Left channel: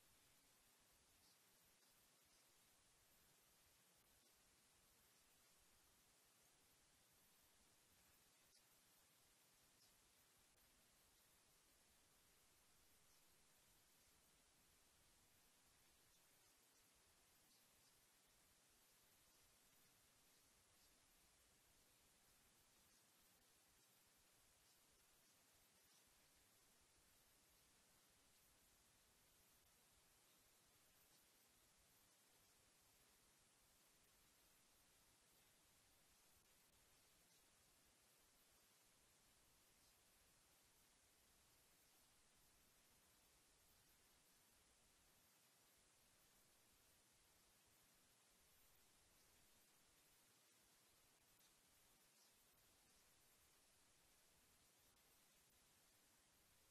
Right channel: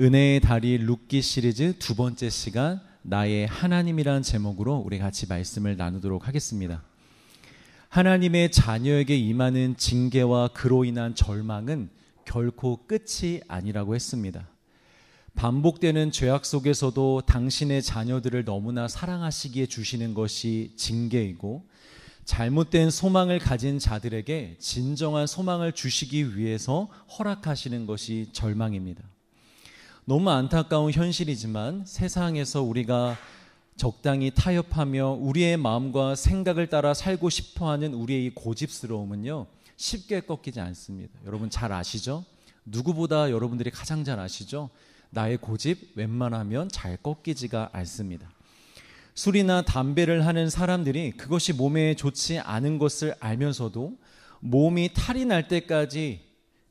은혜의 다리 룻기 시리즈 두 번째 시간 나의 하나님이란 제목으로 우리 같이 말씀을 나누도록 하겠습니다. 하나님의 자녀에게 임하는 징계와 그로 인한 절망은 결코 끝이 아니라고 했습니다. 반복되는 죄악 속에서도 당신의 자녀들을 너무나 사랑하시기에 주시는 것이 징계이고, 잘못된 소망을 가진 자들에게 진정한 소망을 주시기 위해서 허락하시는 것이 절망입니다. 너무 안타까운 현실이지만 세상에서 우리가 적당히 타협하며 우리의 마음과 생각을 따라 살고 싶어하는 우리의 이 고집스러움은요, 쉽게 꺾이지 않습니다. 여러분 잘 아시죠? 누구보다 여러분들이 가장 잘 아시죠? 나의 고집 웬만하면 잘 꺾이지가 않습니다. 술이나 담배를 하는 사람들이 그것이 몸에 좋지 않은 것을 알면서도 몸이 탈이 날 때까지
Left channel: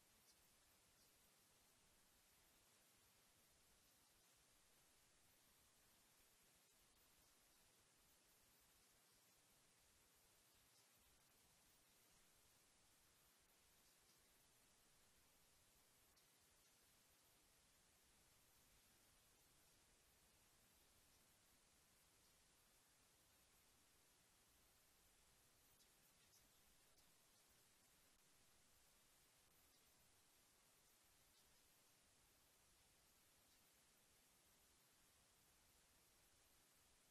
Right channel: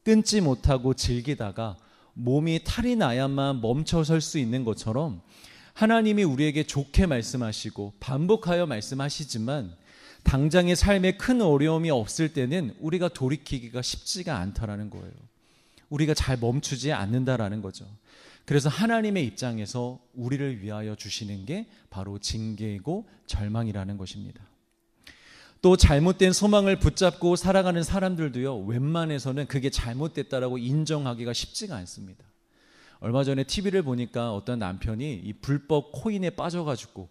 끊지 못하고 즐기다가 몸이 탈이 나야만 멈춰설 수 있는 것처럼, 하나님이 우리에게 좋게 말씀하시고 반복하여 말씀하시지만 당장의 삶에 큰 어려움이 없을 때는 우리가 돌이키기가 쉽지가 않다라는 거예요. 우리가 잘 멈추지 않는다라는 거죠. 그래서 하나님의 입장에서 우리를 위하여 주시는 게 바로 징계이고 절망이라는 것입니다. 또 잘못된 소망을 붙잡고 살아가는 사람들도요, 웬만해서는 그게 잘못됐다라고 인정하기가 쉽지가 않습니다. 얼마 전에 TV를 보니까 어떤 남편이 이 불법 코인에 빠져가지고,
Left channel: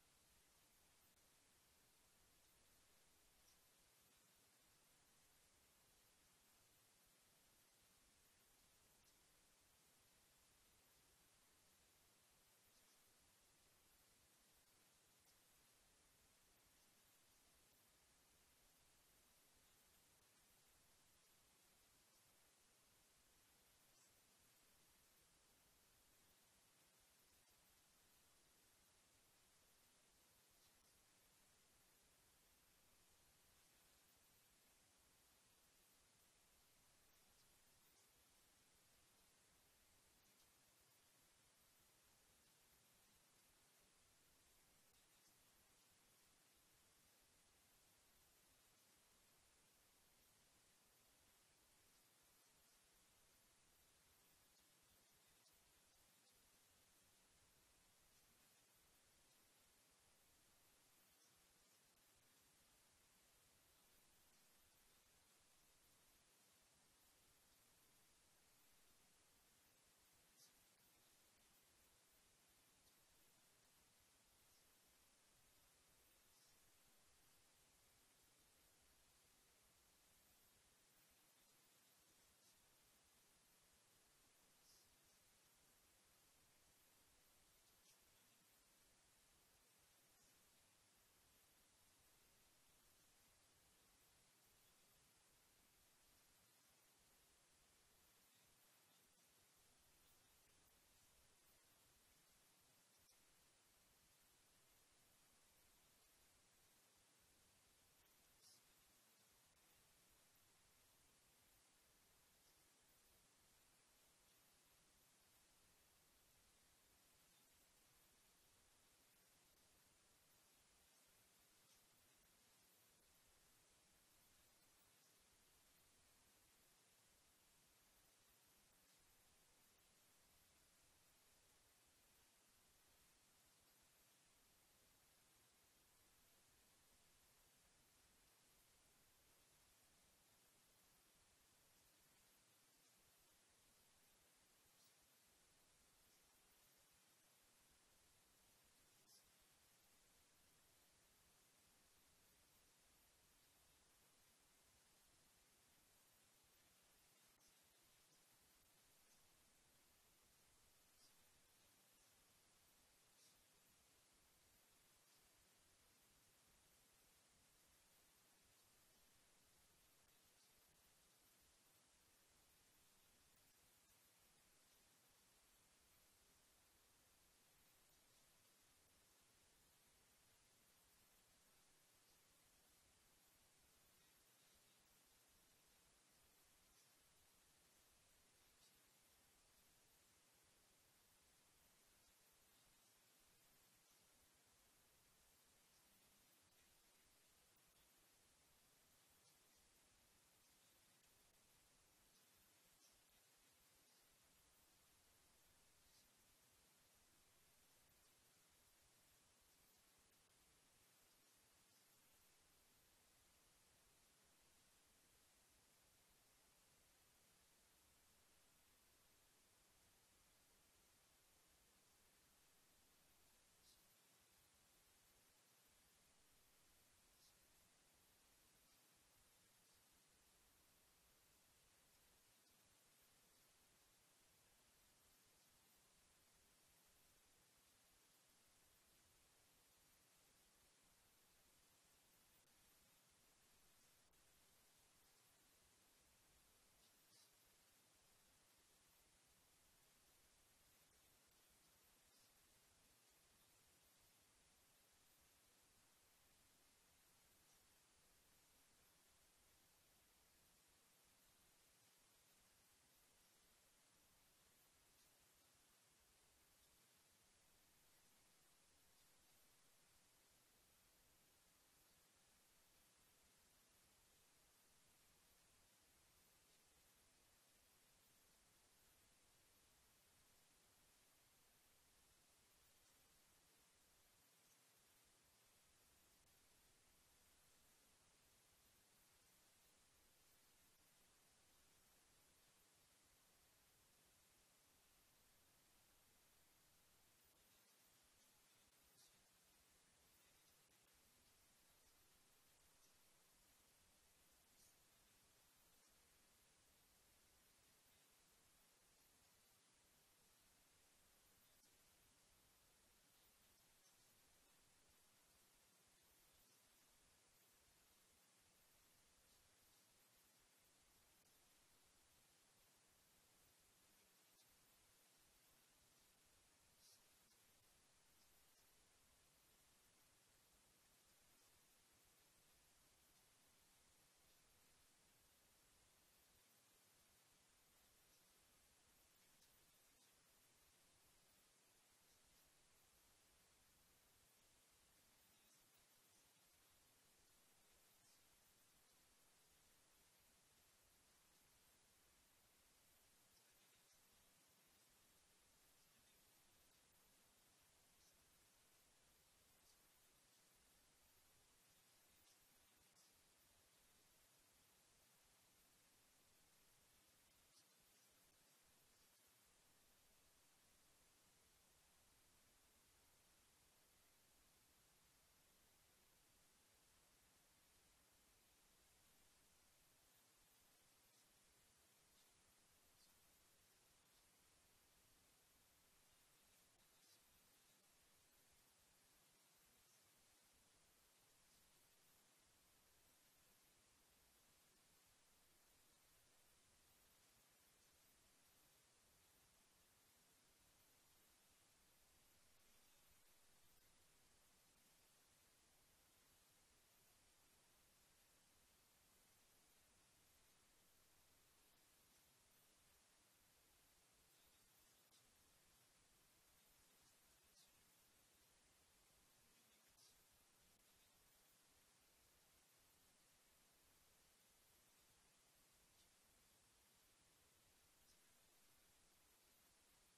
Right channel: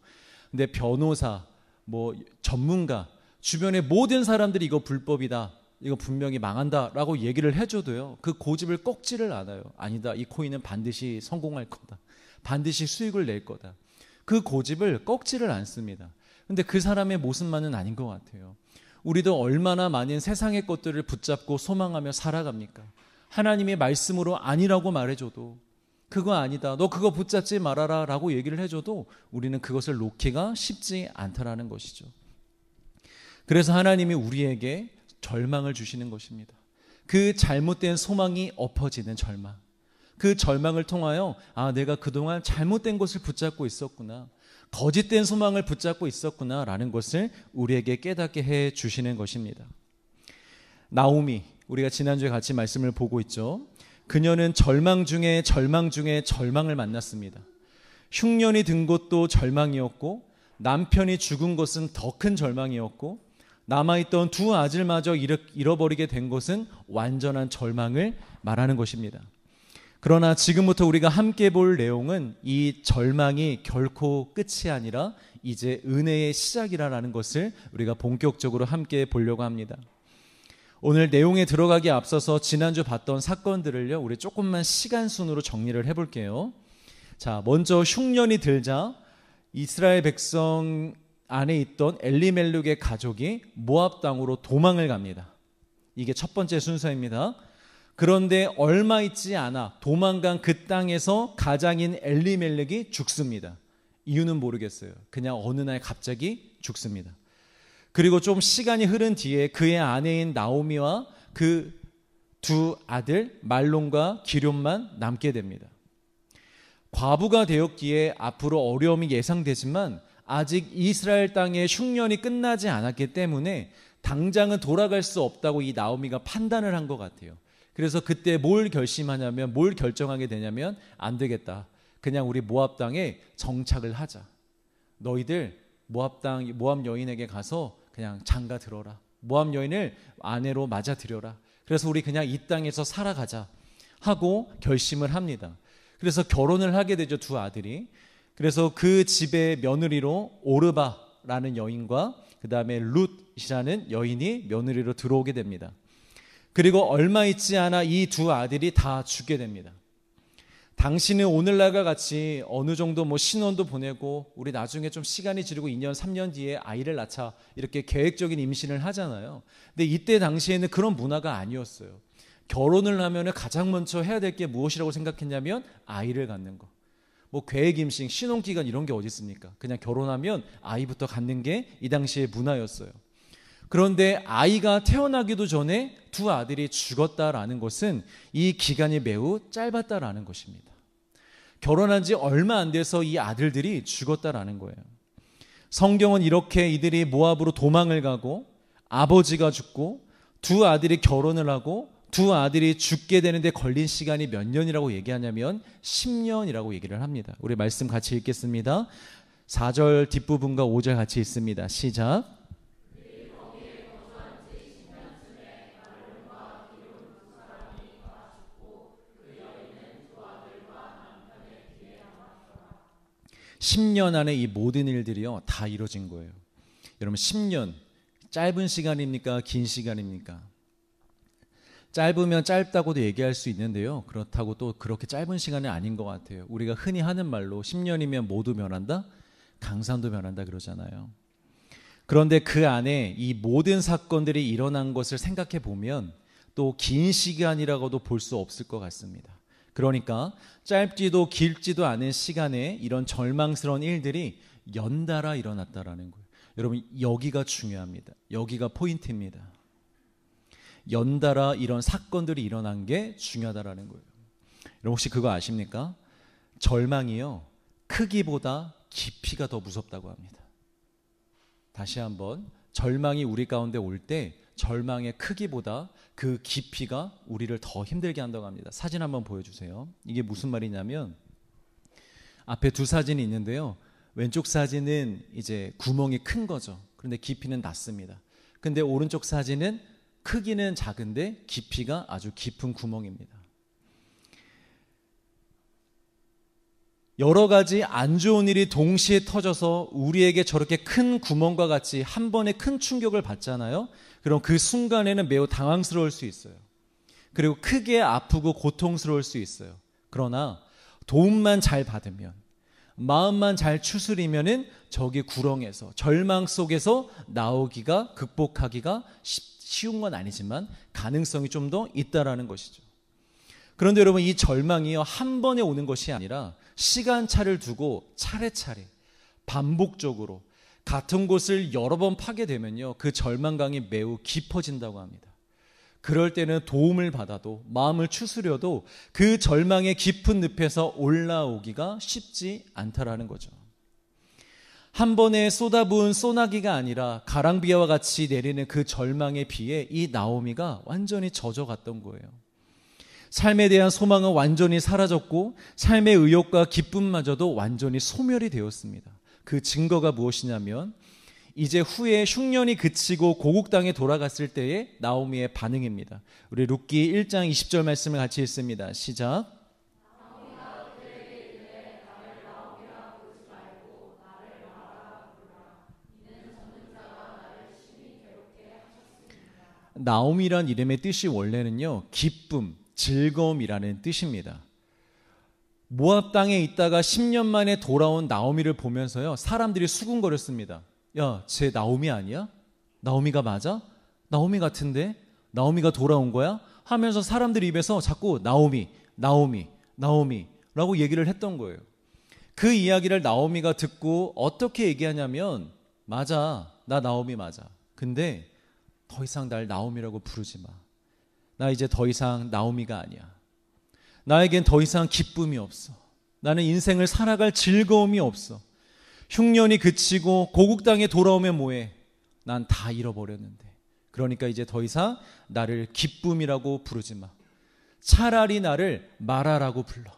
근데 변호사, 전문가, 주변의 모든 사람들이 이거 불법이다, 이거 분명히 망한다라고 얘기를 해줘도요, 그 고집을 꺾지를 않아요. 아니다, 이 코인은 반드시 성공할 거다, 반드시 수익을 낼 거다. 그 고집을 꺾지를 않습니다. 근데 그 사람의 모습만은 아닌 것 같아요. 우리도 얼마나 많은 세상의 것들을 붙잡고 소망하며 살아갑니까? 하나님의 말씀으로 아니라고 말해줘도, 그거 아니다, 너 그거 붙잡지 말아라 라고 얘기를 해줘도 우리는 그것을 놓기가 쉽지 않다라는 것이죠. 그래서 하나님이 우리에게 절망을 주시는 것입니다. 그 잘못된 소망이 엎어지는 절망, 그 절망을 통하여 내가 그동안 잘못된 것을 붙잡고 있었구나, 거짓된 소망을 붙잡고 있었구나 라는 것을 우리에게 깨닫게 해 주시는 것입니다. 나오미, 우리가 지난주에 같이 말씀을 보고 있죠. 그녀는 절망 중에 절망을 만났습니다. 흉년이 든 것도 절망이었고, 남편이 죽은 것은 더 큰 절망이었고, 남아있던 두 아들마저 잃어버리게 된 것은 완전한 절망을 말하는 것입니다. 그러나 지금부터 우리가 함께 볼 내용은 이 절망이 결코 끝이 아니라 이제 은혜의 시작이라는 것을 우리가 본격적으로 함께 보려고 합니다. 오늘 내용에 들어가기 앞서서 지난주 봤던 사건들을요, 우리 조금만 시간 순으로 정리를 해볼게요. 자, 먼저 흉년이 들자 이스라엘 백성 안에 있던 엘리멜렉의 가족이 모압 땅으로 도망을 갑니다. 이게 첫 번째 순서입니다. 그런데 얼마 있지 않아 도망간 그 땅에서 가장인 엘리멜렉이 죽습니다. 이유는 모르겠어요. 그냥 어느 날 갑자기 죽습니다. 그리고 좀 시간이 흐른 뒤에 그의 아내인 나오미와 그 두 아들 말론과 기런만 남게 됩니다. 과부가 되었기에 앞으로 어려움이 예상되지만 아직 이스라엘 땅의 흉년이 끝나지 않았기 때문에 당장은 돌아갈 수 없다고 이 나오미가 판단을 한 것 같아요. 그래서 그때 뭘 결정하게 되냐면, 안 되겠다, 그냥 우리 모압 땅에 정착을 하자. 너희들 모압 여인에게 가서 그냥 장가 들어라. 모압 여인을 아내로 맞아들여라. 그래서 우리 그냥 이 땅에서 살아가자 하고 결심을 합니다. 그래서 결혼을 하게 되죠, 두 아들이. 그래서 그 집의 며느리로 오르바라는 여인과 그 다음에 룻이라는 여인이 며느리로 들어오게 됩니다. 그리고 얼마 있지 않아 이 두 아들이 다 죽게 됩니다. 당신은 오늘날과 같이 어느 정도 신혼도 보내고 우리 나중에 좀 시간이 지르고 2년 3년 뒤에 아이를 낳자 이렇게 계획적인 임신을 하잖아요. 근데 이때 당시에는 그런 문화가 아니었어요. 결혼을 하면 가장 먼저 해야 될 게 무엇이라고 생각했냐면 아이를 갖는 거. 계획 임신, 신혼기간 이런 게 어디 있습니까? 그냥 결혼하면 아이부터 갖는 게 이 당시의 문화였어요. 그런데 아이가 태어나기도 전에 두 아들이 죽었다라는 것은 이 기간이 매우 짧았다라는 것입니다. 결혼한 지 얼마 안 돼서 이 아들들이 죽었다라는 거예요. 성경은 이렇게 이들이 모압으로 도망을 가고 아버지가 죽고 두 아들이 결혼을 하고 두 아들이 죽게 되는데 걸린 시간이 몇 년이라고 얘기하냐면 10년이라고 얘기를 합니다. 우리 말씀 같이 읽겠습니다. 4절 뒷부분과 5절 같이 읽습니다. 시작. 10년 안에 이 모든 일들이요 다 이루어진 거예요. 여러분 10년 짧은 시간입니까? 긴 시간입니까? 짧으면 짧다고도 얘기할 수 있는데요. 그렇다고 또 그렇게 짧은 시간은 아닌 것 같아요. 우리가 흔히 하는 말로 10년이면 모두 면한다? 강산도 면한다 그러잖아요. 그런데 그 안에 이 모든 사건들이 일어난 것을 생각해 보면 또 긴 시간이라고도 볼 수 없을 것 같습니다. 그러니까 짧지도 길지도 않은 시간에 이런 절망스러운 일들이 연달아 일어났다라는 거예요. 여러분 여기가 중요합니다. 여기가 포인트입니다. 연달아 이런 사건들이 일어난 게 중요하다라는 거예요. 여러분 혹시 그거 아십니까? 절망이요 크기보다 깊이가 더 무섭다고 합니다. 다시 한번 절망이 우리 가운데 올 때 절망의 크기보다 그 깊이가 우리를 더 힘들게 한다고 합니다. 사진 한번 보여주세요. 이게 무슨 말이냐면 앞에 두 사진이 있는데요. 왼쪽 사진은 이제 구멍이 큰 거죠. 그런데 깊이는 낮습니다. 근데 오른쪽 사진은 크기는 작은데 깊이가 아주 깊은 구멍입니다. 여러 가지 안 좋은 일이 동시에 터져서 우리에게 저렇게 큰 구멍과 같이 한 번에 큰 충격을 받잖아요. 그럼 그 순간에는 매우 당황스러울 수 있어요. 그리고 크게 아프고 고통스러울 수 있어요. 그러나 도움만 잘 받으면, 마음만 잘 추스리면은 저기 구렁에서, 절망 속에서 나오기가, 극복하기가 쉬운 건 아니지만 가능성이 좀 더 있다라는 것이죠. 그런데 여러분 이 절망이요 한 번에 오는 것이 아니라 시간차를 두고 차례차례 반복적으로 같은 곳을 여러 번 파게 되면요 그 절망감이 매우 깊어진다고 합니다. 그럴 때는 도움을 받아도 마음을 추스려도 그 절망의 깊은 늪에서 올라오기가 쉽지 않다라는 거죠. 한 번에 쏟아부은 소나기가 아니라 가랑비와 같이 내리는 그 절망의 비에 이 나오미가 완전히 젖어갔던 거예요. 삶에 대한 소망은 완전히 사라졌고 삶의 의욕과 기쁨마저도 완전히 소멸이 되었습니다. 그 증거가 무엇이냐면 이제 후에 흉년이 그치고 고국 땅에 돌아갔을 때의 나오미의 반응입니다. 우리 룻기 1장 20절 말씀을 같이 읽습니다. 시작. 나오미란 이름의 뜻이 원래는요 기쁨, 즐거움이라는 뜻입니다. 모압 땅에 있다가 10년 만에 돌아온 나오미를 보면서요 사람들이 수군거렸습니다. 야, 쟤 나오미 아니야? 나오미가 맞아? 나오미 같은데? 나오미가 돌아온 거야? 하면서 사람들 입에서 자꾸 나오미, 나오미, 나오미라고 얘기를 했던 거예요. 그 이야기를 나오미가 듣고 어떻게 얘기하냐면 맞아, 나 나오미 맞아. 근데 더 이상 날 나오미라고 부르지 마. 나 이제 더 이상 나오미가 아니야. 나에겐 더 이상 기쁨이 없어. 나는 인생을 살아갈 즐거움이 없어. 흉년이 그치고 고국 땅에 돌아오면 뭐해? 난 다 잃어버렸는데. 그러니까 이제 더 이상 나를 기쁨이라고 부르지 마. 차라리 나를 마라라고 불러.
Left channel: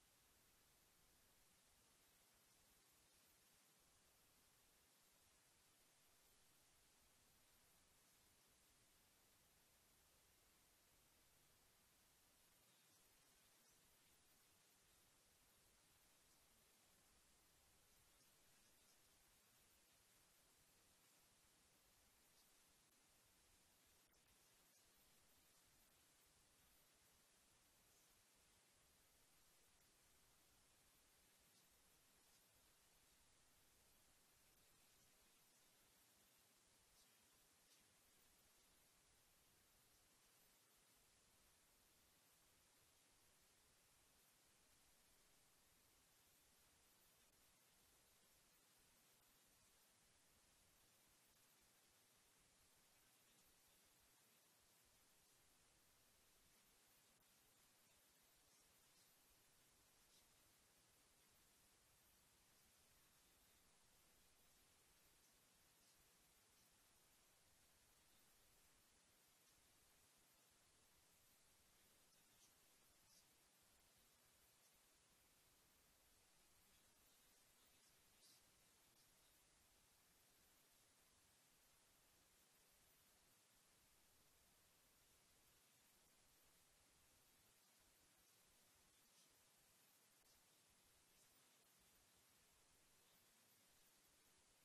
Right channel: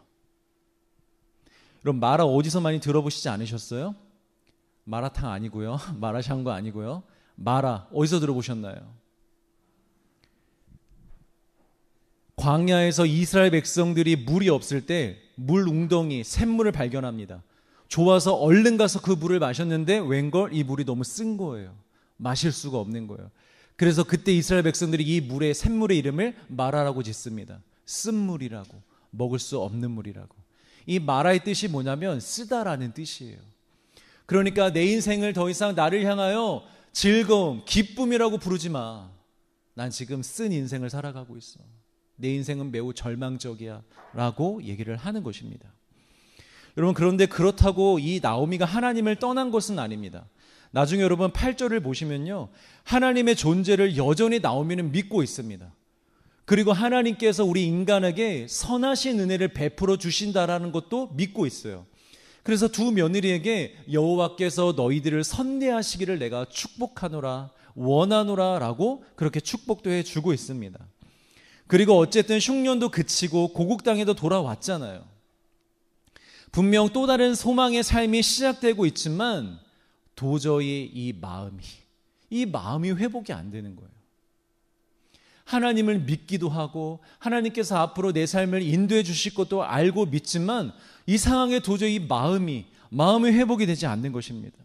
그럼 마라 어디서 많이 들어보시지 않으셨어요? 마라탕 아니고요. 마라샹궈 아니고요. 마라 어디서 들어보셨나요? 광야에서 이스라엘 백성들이 물이 없을 때 물 웅덩이 샘물을 발견합니다. 좋아서 얼른 가서 그 물을 마셨는데 웬걸 이 물이 너무 쓴 거예요. 마실 수가 없는 거예요. 그래서 그때 이스라엘 백성들이 이 물의 샘물의 이름을 마라라고 짓습니다. 쓴 물이라고, 먹을 수 없는 물이라고. 이 마라의 뜻이 뭐냐면 쓰다라는 뜻이에요. 그러니까 내 인생을 더 이상 나를 향하여 즐거움, 기쁨이라고 부르지 마. 난 지금 쓴 인생을 살아가고 있어. 내 인생은 매우 절망적이야 라고 얘기를 하는 것입니다. 여러분 그런데 그렇다고 이 나오미가 하나님을 떠난 것은 아닙니다. 나중에 여러분 8절을 보시면요 하나님의 존재를 여전히 나오미는 믿고 있습니다. 그리고 하나님께서 우리 인간에게 선하신 은혜를 베풀어 주신다라는 것도 믿고 있어요. 그래서 두 며느리에게 여호와께서 너희들을 선대하시기를 내가 축복하노라 원하노라 라고 그렇게 축복도 해주고 있습니다. 그리고 어쨌든 흉년도 그치고 고국 땅에도 돌아왔잖아요. 분명 또 다른 소망의 삶이 시작되고 있지만 도저히 이 마음이 회복이 안 되는 거예요. 하나님을 믿기도 하고 하나님께서 앞으로 내 삶을 인도해 주실 것도 알고 믿지만 이 상황에 도저히 마음이 회복이 되지 않는 것입니다.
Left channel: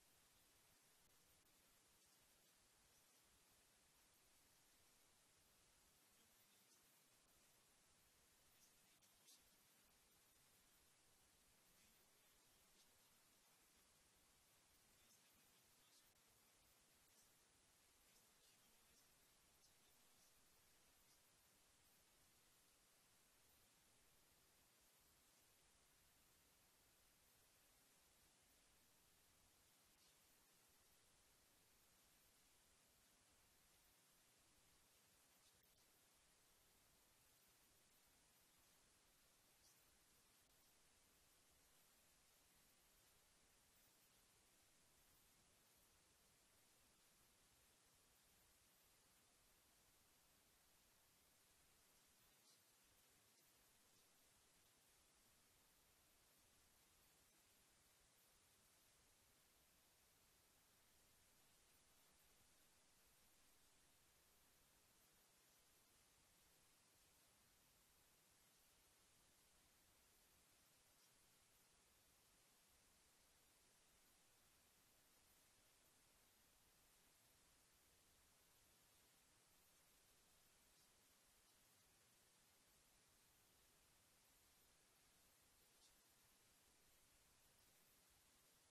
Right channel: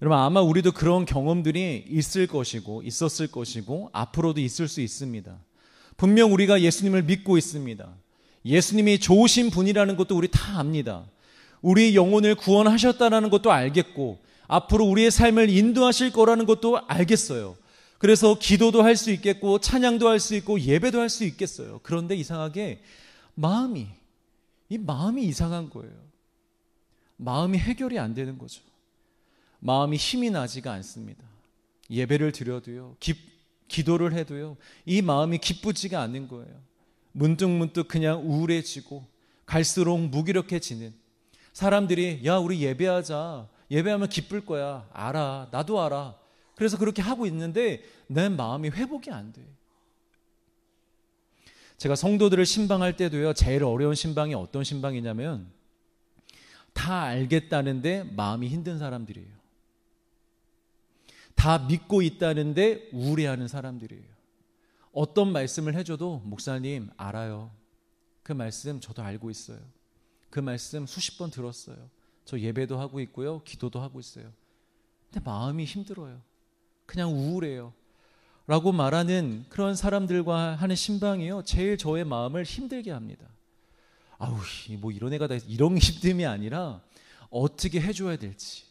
여러분, 아마 우리도 그런 경험들이 있었을 것이고 앞으로도 있을 수 있습니다. 분명 우리가 예수님을 믿고 있습니다. 예수님이 좋으신 분이라는 것도 우리 다 압니다. 우리 영혼을 구원하셨다는 것도 알겠고 앞으로 우리의 삶을 인도하실 거라는 것도 알겠어요. 그래서 기도도 할 수 있겠고 찬양도 할 수 있고 예배도 할 수 있겠어요. 그런데 이상하게 마음이 이상한 거예요. 마음이 해결이 안 되는 거죠. 마음이 힘이 나지가 않습니다. 예배를 드려도요, 기도를 해도요, 이 마음이 기쁘지가 않는 거예요. 문득문득 그냥 우울해지고 갈수록 무기력해지는 사람들이, 야, 우리 예배하자, 예배하면 기쁠 거야, 알아, 나도 알아. 그래서 그렇게 하고 있는데 내 마음이 회복이 안 돼. 제가 성도들을 신방할 때도요, 제일 어려운 신방이 어떤 신방이냐면 다 알겠다는데 마음이 힘든 사람들이에요. 다 믿고 있다는데 우울해하는 사람들이에요. 어떤 말씀을 해줘도 목사님 알아요. 그 말씀 저도 알고 있어요. 그 말씀 수십 번 들었어요. 저 예배도 하고 있고요, 기도도 하고 있어요. 근데 마음이 힘들어요. 그냥 우울해요. 라고 말하는 그런 사람들과 하는 신방이요, 제일 저의 마음을 힘들게 합니다. 아우, 뭐 이런 애가 다 이런 힘듦이 아니라 어떻게 해줘야 될지,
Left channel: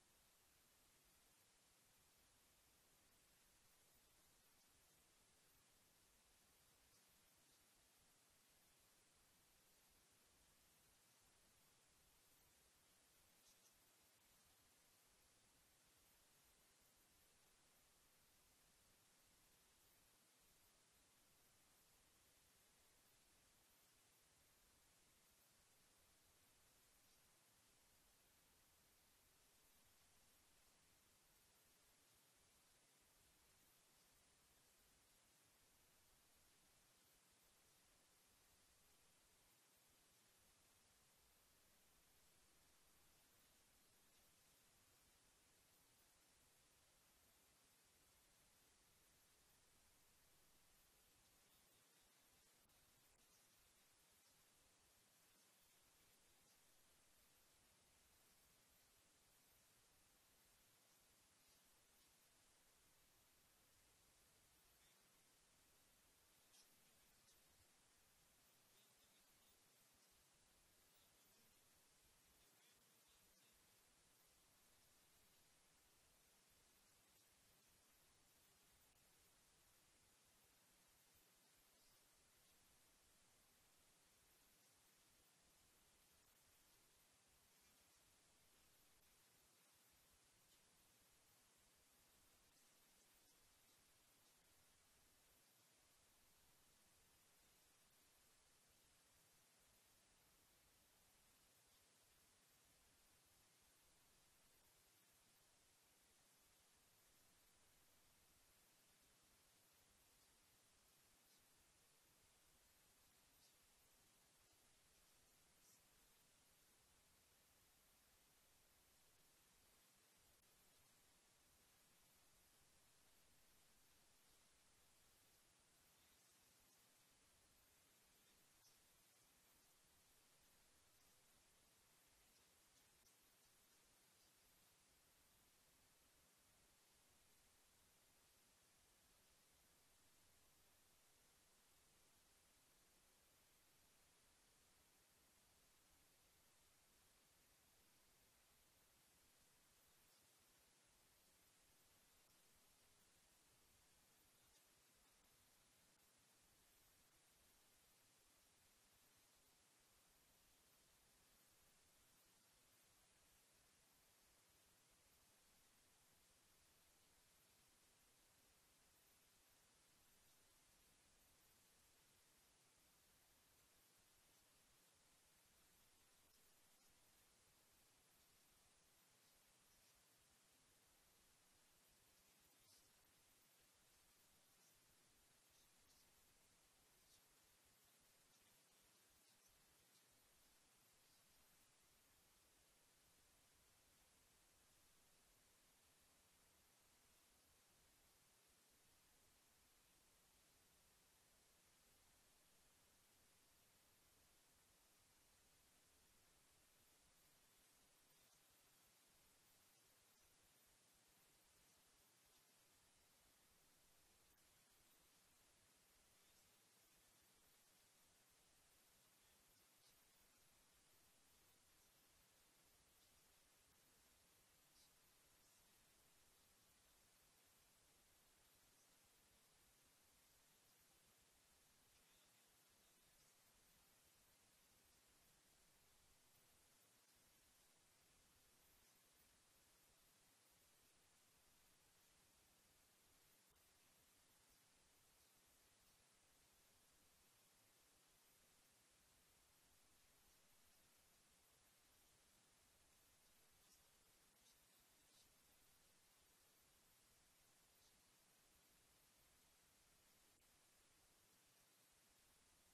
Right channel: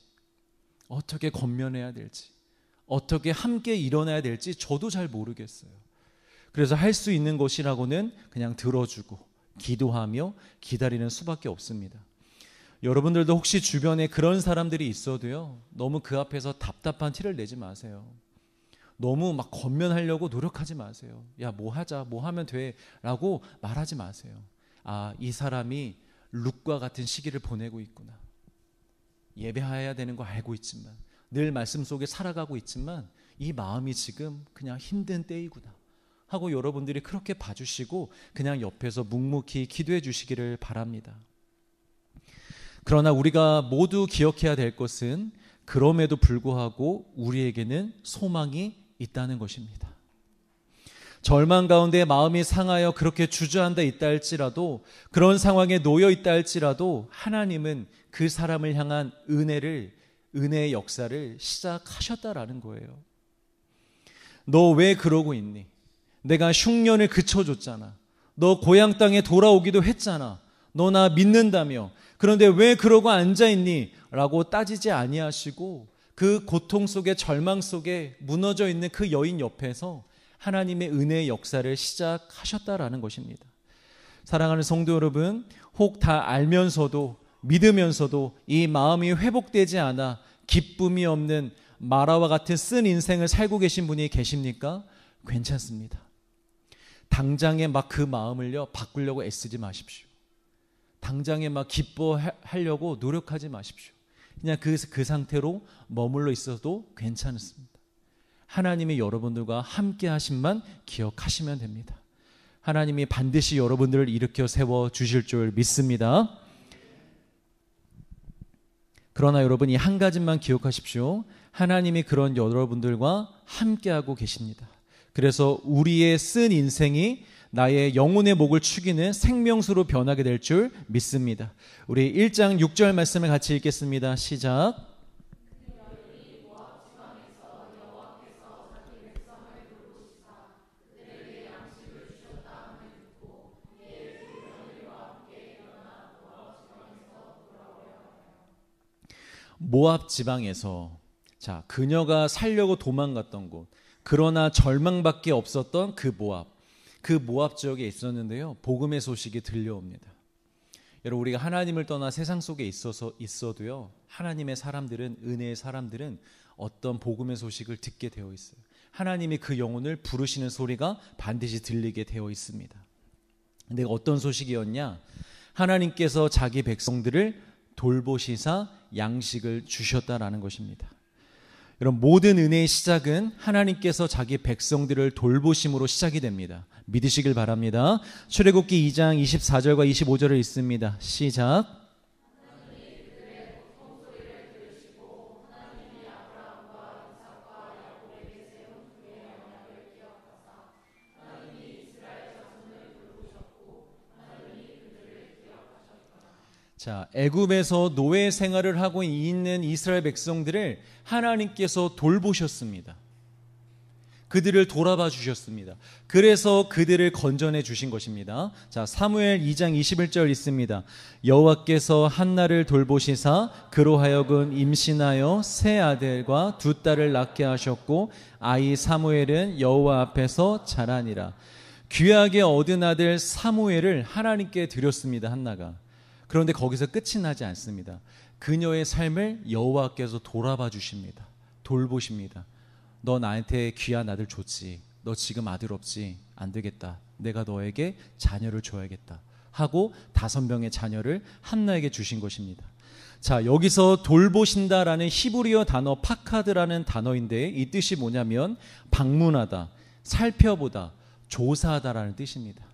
어떻게 권면해야 될지, 어떻게 함께 일어나야 될지 저도 잘 모르겠어요. 그래서 할 수 있는 것이라고는 그냥 들어주고 기도하며 기다리는 수밖에 없습니다. 여러분들도 혹시 주변에 그런 사람들이 있어도요, 너무 그 앞에서 답답한 티를 내지 마세요. 너무 막 권면하려고 노력하지 마세요. 야, 뭐 하자, 뭐 하면 돼 라고 말하지 마세요. 아, 이 사람이 룻과 같은 시기를 보내고 있구나. 예배해야 되는 거 알고 있지만, 늘 말씀 속에 살아가고 있지만 이 마음이 지금 그냥 힘든 때이구나 하고 여러분들이 그렇게 봐주시고 그냥 옆에서 묵묵히 기도해 주시기를 바랍니다. 그러나 우리가 모두 기억해야 될 것은 그럼에도 불구하고 우리에게는 소망이 있다는 것입니다. 절망 가운데 마음이 상하여 그렇게 주저앉아 있다 할지라도, 그런 상황에 놓여 있다 할지라도 하나님은 그 사람을 향한 은혜의 역사를 시작하셨다라는 거예요. 너 왜 그러고 있니? 내가 흉년을 그쳐줬잖아. 너 고향 땅에 돌아오기도 했잖아. 너 나 믿는다며. 그런데 왜 그러고 앉아있니? 라고 따지지 아니하시고 그 고통 속에, 절망 속에 무너져 있는 그 여인 옆에서 하나님의 은혜의 역사를 시작하셨다라는 것입니다. 사랑하는 성도 여러분, 혹 다 알면서도 믿으면서도 이 마음이 회복되지 않아 기쁨이 없는 마라와 같은 쓴 인생을 살고 계신 분이 계십니까? 괜찮습니다. 당장에 막 그 마음을요 바꾸려고 애쓰지 마십시오. 당장에 막 기뻐하려고 노력하지 마십시오. 그냥 그 상태로 머물러 있어도 괜찮습니다. 하나님이 여러분들과 함께 하심만 기억하시면 됩니다. 하나님이 반드시 여러분들을 일으켜 세워 주실 줄 믿습니다. 그러나 여러분, 이 한 가지만 기억하십시오. 하나님이 그런 여러분들과 함께하고 계십니다. 그래서 우리의 쓴 인생이 나의 영혼의 목을 축이는 생명수로 변하게 될 줄 믿습니다. 우리 1장 6절 말씀을 같이 읽겠습니다. 시작. 모압 지방에서, 자, 그녀가 살려고 도망갔던 곳, 그러나 절망밖에 없었던 그 모압 지역에 있었는데요, 복음의 소식이 들려옵니다. 여러분, 우리가 하나님을 떠나 세상 속에 있어도요, 하나님의 사람들은, 은혜의 사람들은 어떤 복음의 소식을 듣게 되어 있어요. 하나님이 그 영혼을 부르시는 소리가 반드시 들리게 되어 있습니다. 근데 어떤 소식이었냐? 하나님께서 자기 백성들을 돌보시사 양식을 주셨다라는 것입니다. 여러분, 모든 은혜의 시작은 하나님께서 자기 백성들을 돌보심으로 시작이 됩니다. 믿으시길 바랍니다. 출애굽기 2장 24절과 25절을 읽습니다. 시작. 자, 애굽에서 노예 생활을 하고 있는 이스라엘 백성들을 하나님께서 돌보셨습니다. 그들을 돌아봐 주셨습니다. 그래서 그들을 건져내 주신 것입니다. 자, 사무엘 2장 21절 있습니다. 여호와께서 한나를 돌보시사 그로 하여금 임신하여 세 아들과 두 딸을 낳게 하셨고 아이 사무엘은 여호와 앞에서 자라니라. 귀하게 얻은 아들 사무엘을 하나님께 드렸습니다. 한나가. 그런데 거기서 끝이 나지 않습니다. 그녀의 삶을 여호와께서 돌아봐 주십니다. 돌보십니다. 너 나한테 귀한 아들 줬지. 너 지금 아들 없지. 안 되겠다. 내가 너에게 자녀를 줘야겠다 하고 5명의 자녀를 한나에게 주신 것입니다. 자, 여기서 돌보신다라는 히브리어 단어 파카드라는 단어인데 이 뜻이 뭐냐면 방문하다, 살펴보다, 조사하다라는 뜻입니다.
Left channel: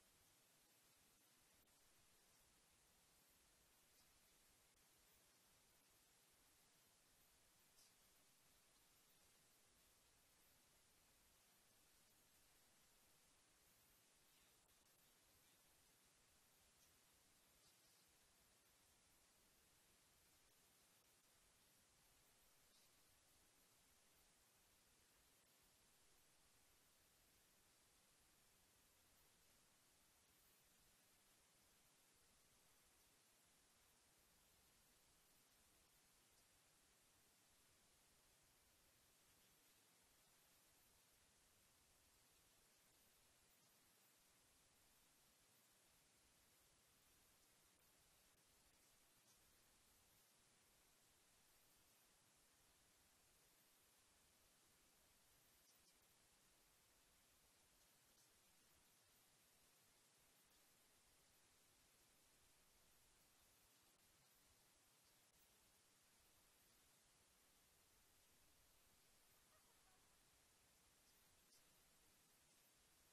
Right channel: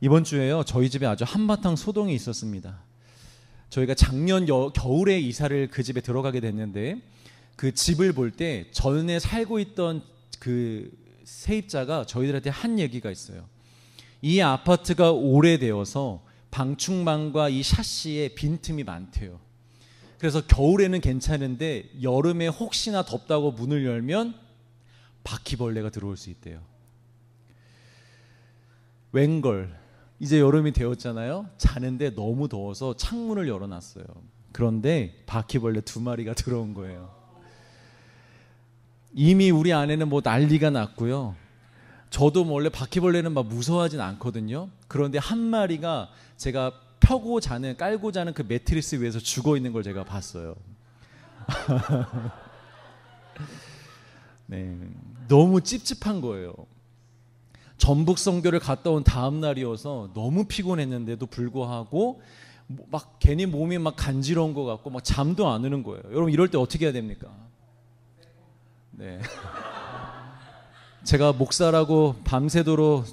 이번 주에요, 저희 집에 아주 한바탕 소동이 있었습니다. 저희가 작년 겨울에 이사를 그 집에 들어가게 됐는데 그 집을 볼 때 전에 살고 있던 그 세입자가 저희들한테 한 얘기가 있어요. 이 아파트가 오래되어서 방충망과 이 샤시에 빈틈이 많대요. 그래서 겨울에는 괜찮은데 여름에 혹시나 덥다고 문을 열면 바퀴벌레가 들어올 수 있대요. 웬걸 이제 여름이 되었잖아요. 자는데 너무 더워서 창문을 열어놨어요. 그런데 바퀴벌레 2마리가 들어온 거예요. 이미 우리 아내는 뭐 난리가 났고요. 저도 원래 바퀴벌레는 막 무서워하진 않거든요. 그런데 한 마리가 제가 깔고 자는 그 매트리스 위에서 죽어 있는 걸 제가 봤어요. 네, 너무 찝찝한 거예요. 전북 선교를 갔다 온 다음 날이어서 너무 피곤했는데도 불구하고 막 괜히 몸이 막 간지러운 것 같고 막 잠도 안 오는 거예요. 여러분 이럴 때 어떻게 해야 됩니까? 네. 제가 목사라고 밤새도록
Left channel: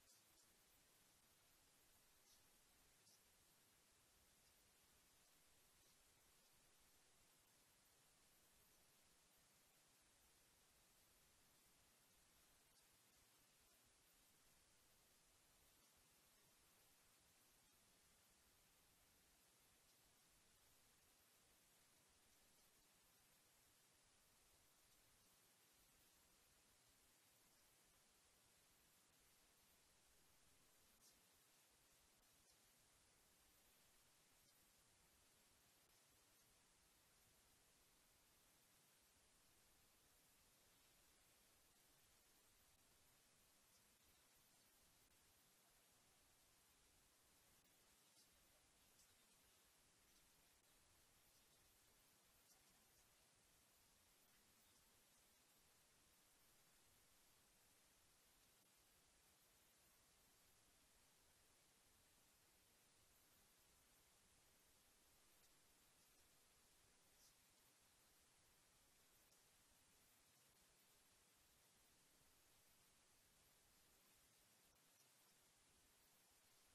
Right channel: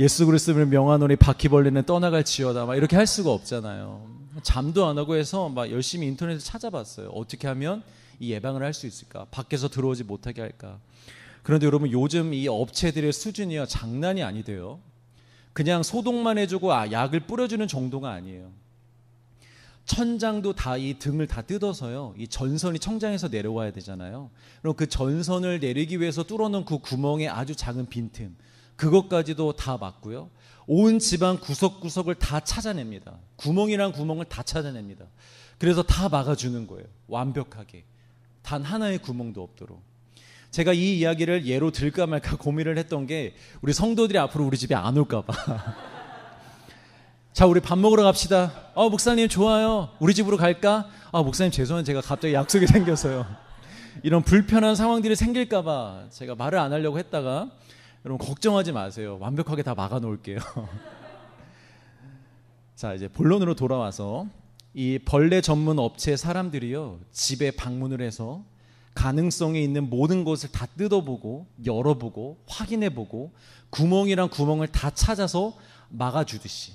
예수 그리스도를 명하노니 바퀴벌레는 떠나갈지어다 막 이렇게 할 수가 없잖아요. 잠도 안 하고 해서 막 열심히 인터넷에 찾아봤어요. 어떻게 하면 이 예방을 할 수 있을까? 밖에서 들어오지 못하게 할까? 그런데 여러분 요즘 이 업체들의 수준이요 장난이 아니돼요. 그냥 소독만 해주고 약을 뿌려주는 정도가 아니에요. 천장도 다 이 등을 다 뜯어서요. 이 전선이 천장에서 내려와야 되잖아요. 그럼 그 전선을 내리기 위해서 뚫어놓은 그 구멍에 아주 작은 빈틈, 그것까지도 다 막고요. 온 집안 구석구석을 다 찾아냅니다. 구멍이란 구멍을 다 찾아냅니다. 그래서 다 막아주는 거예요. 완벽하게. 단 하나의 구멍도 없도록. 제가 이 이야기를 예로 들까 말까 고민을 했던 게 우리 성도들이 앞으로 우리 집에 안 올까 봐. 자, 우리 밥 먹으러 갑시다. 목사님 좋아요. 우리 집으로 갈까? 목사님 죄송한데 제가 갑자기 약속이 생겨서요. 이런 불편한 상황들이 생길까 봐 제가 말을 안 하려고 했다가 여러분 걱정하지 마세요. 완벽하게 다 막아 놓을게요. 자, 이제 본론으로 돌아와서 이 벌레 전문 업체 사람들이요 집에 방문을 해서 가능성이 있는 모든 것을 다 뜯어보고 열어보고 확인해보고 구멍이란 구멍을 다 찾아서 막아주듯이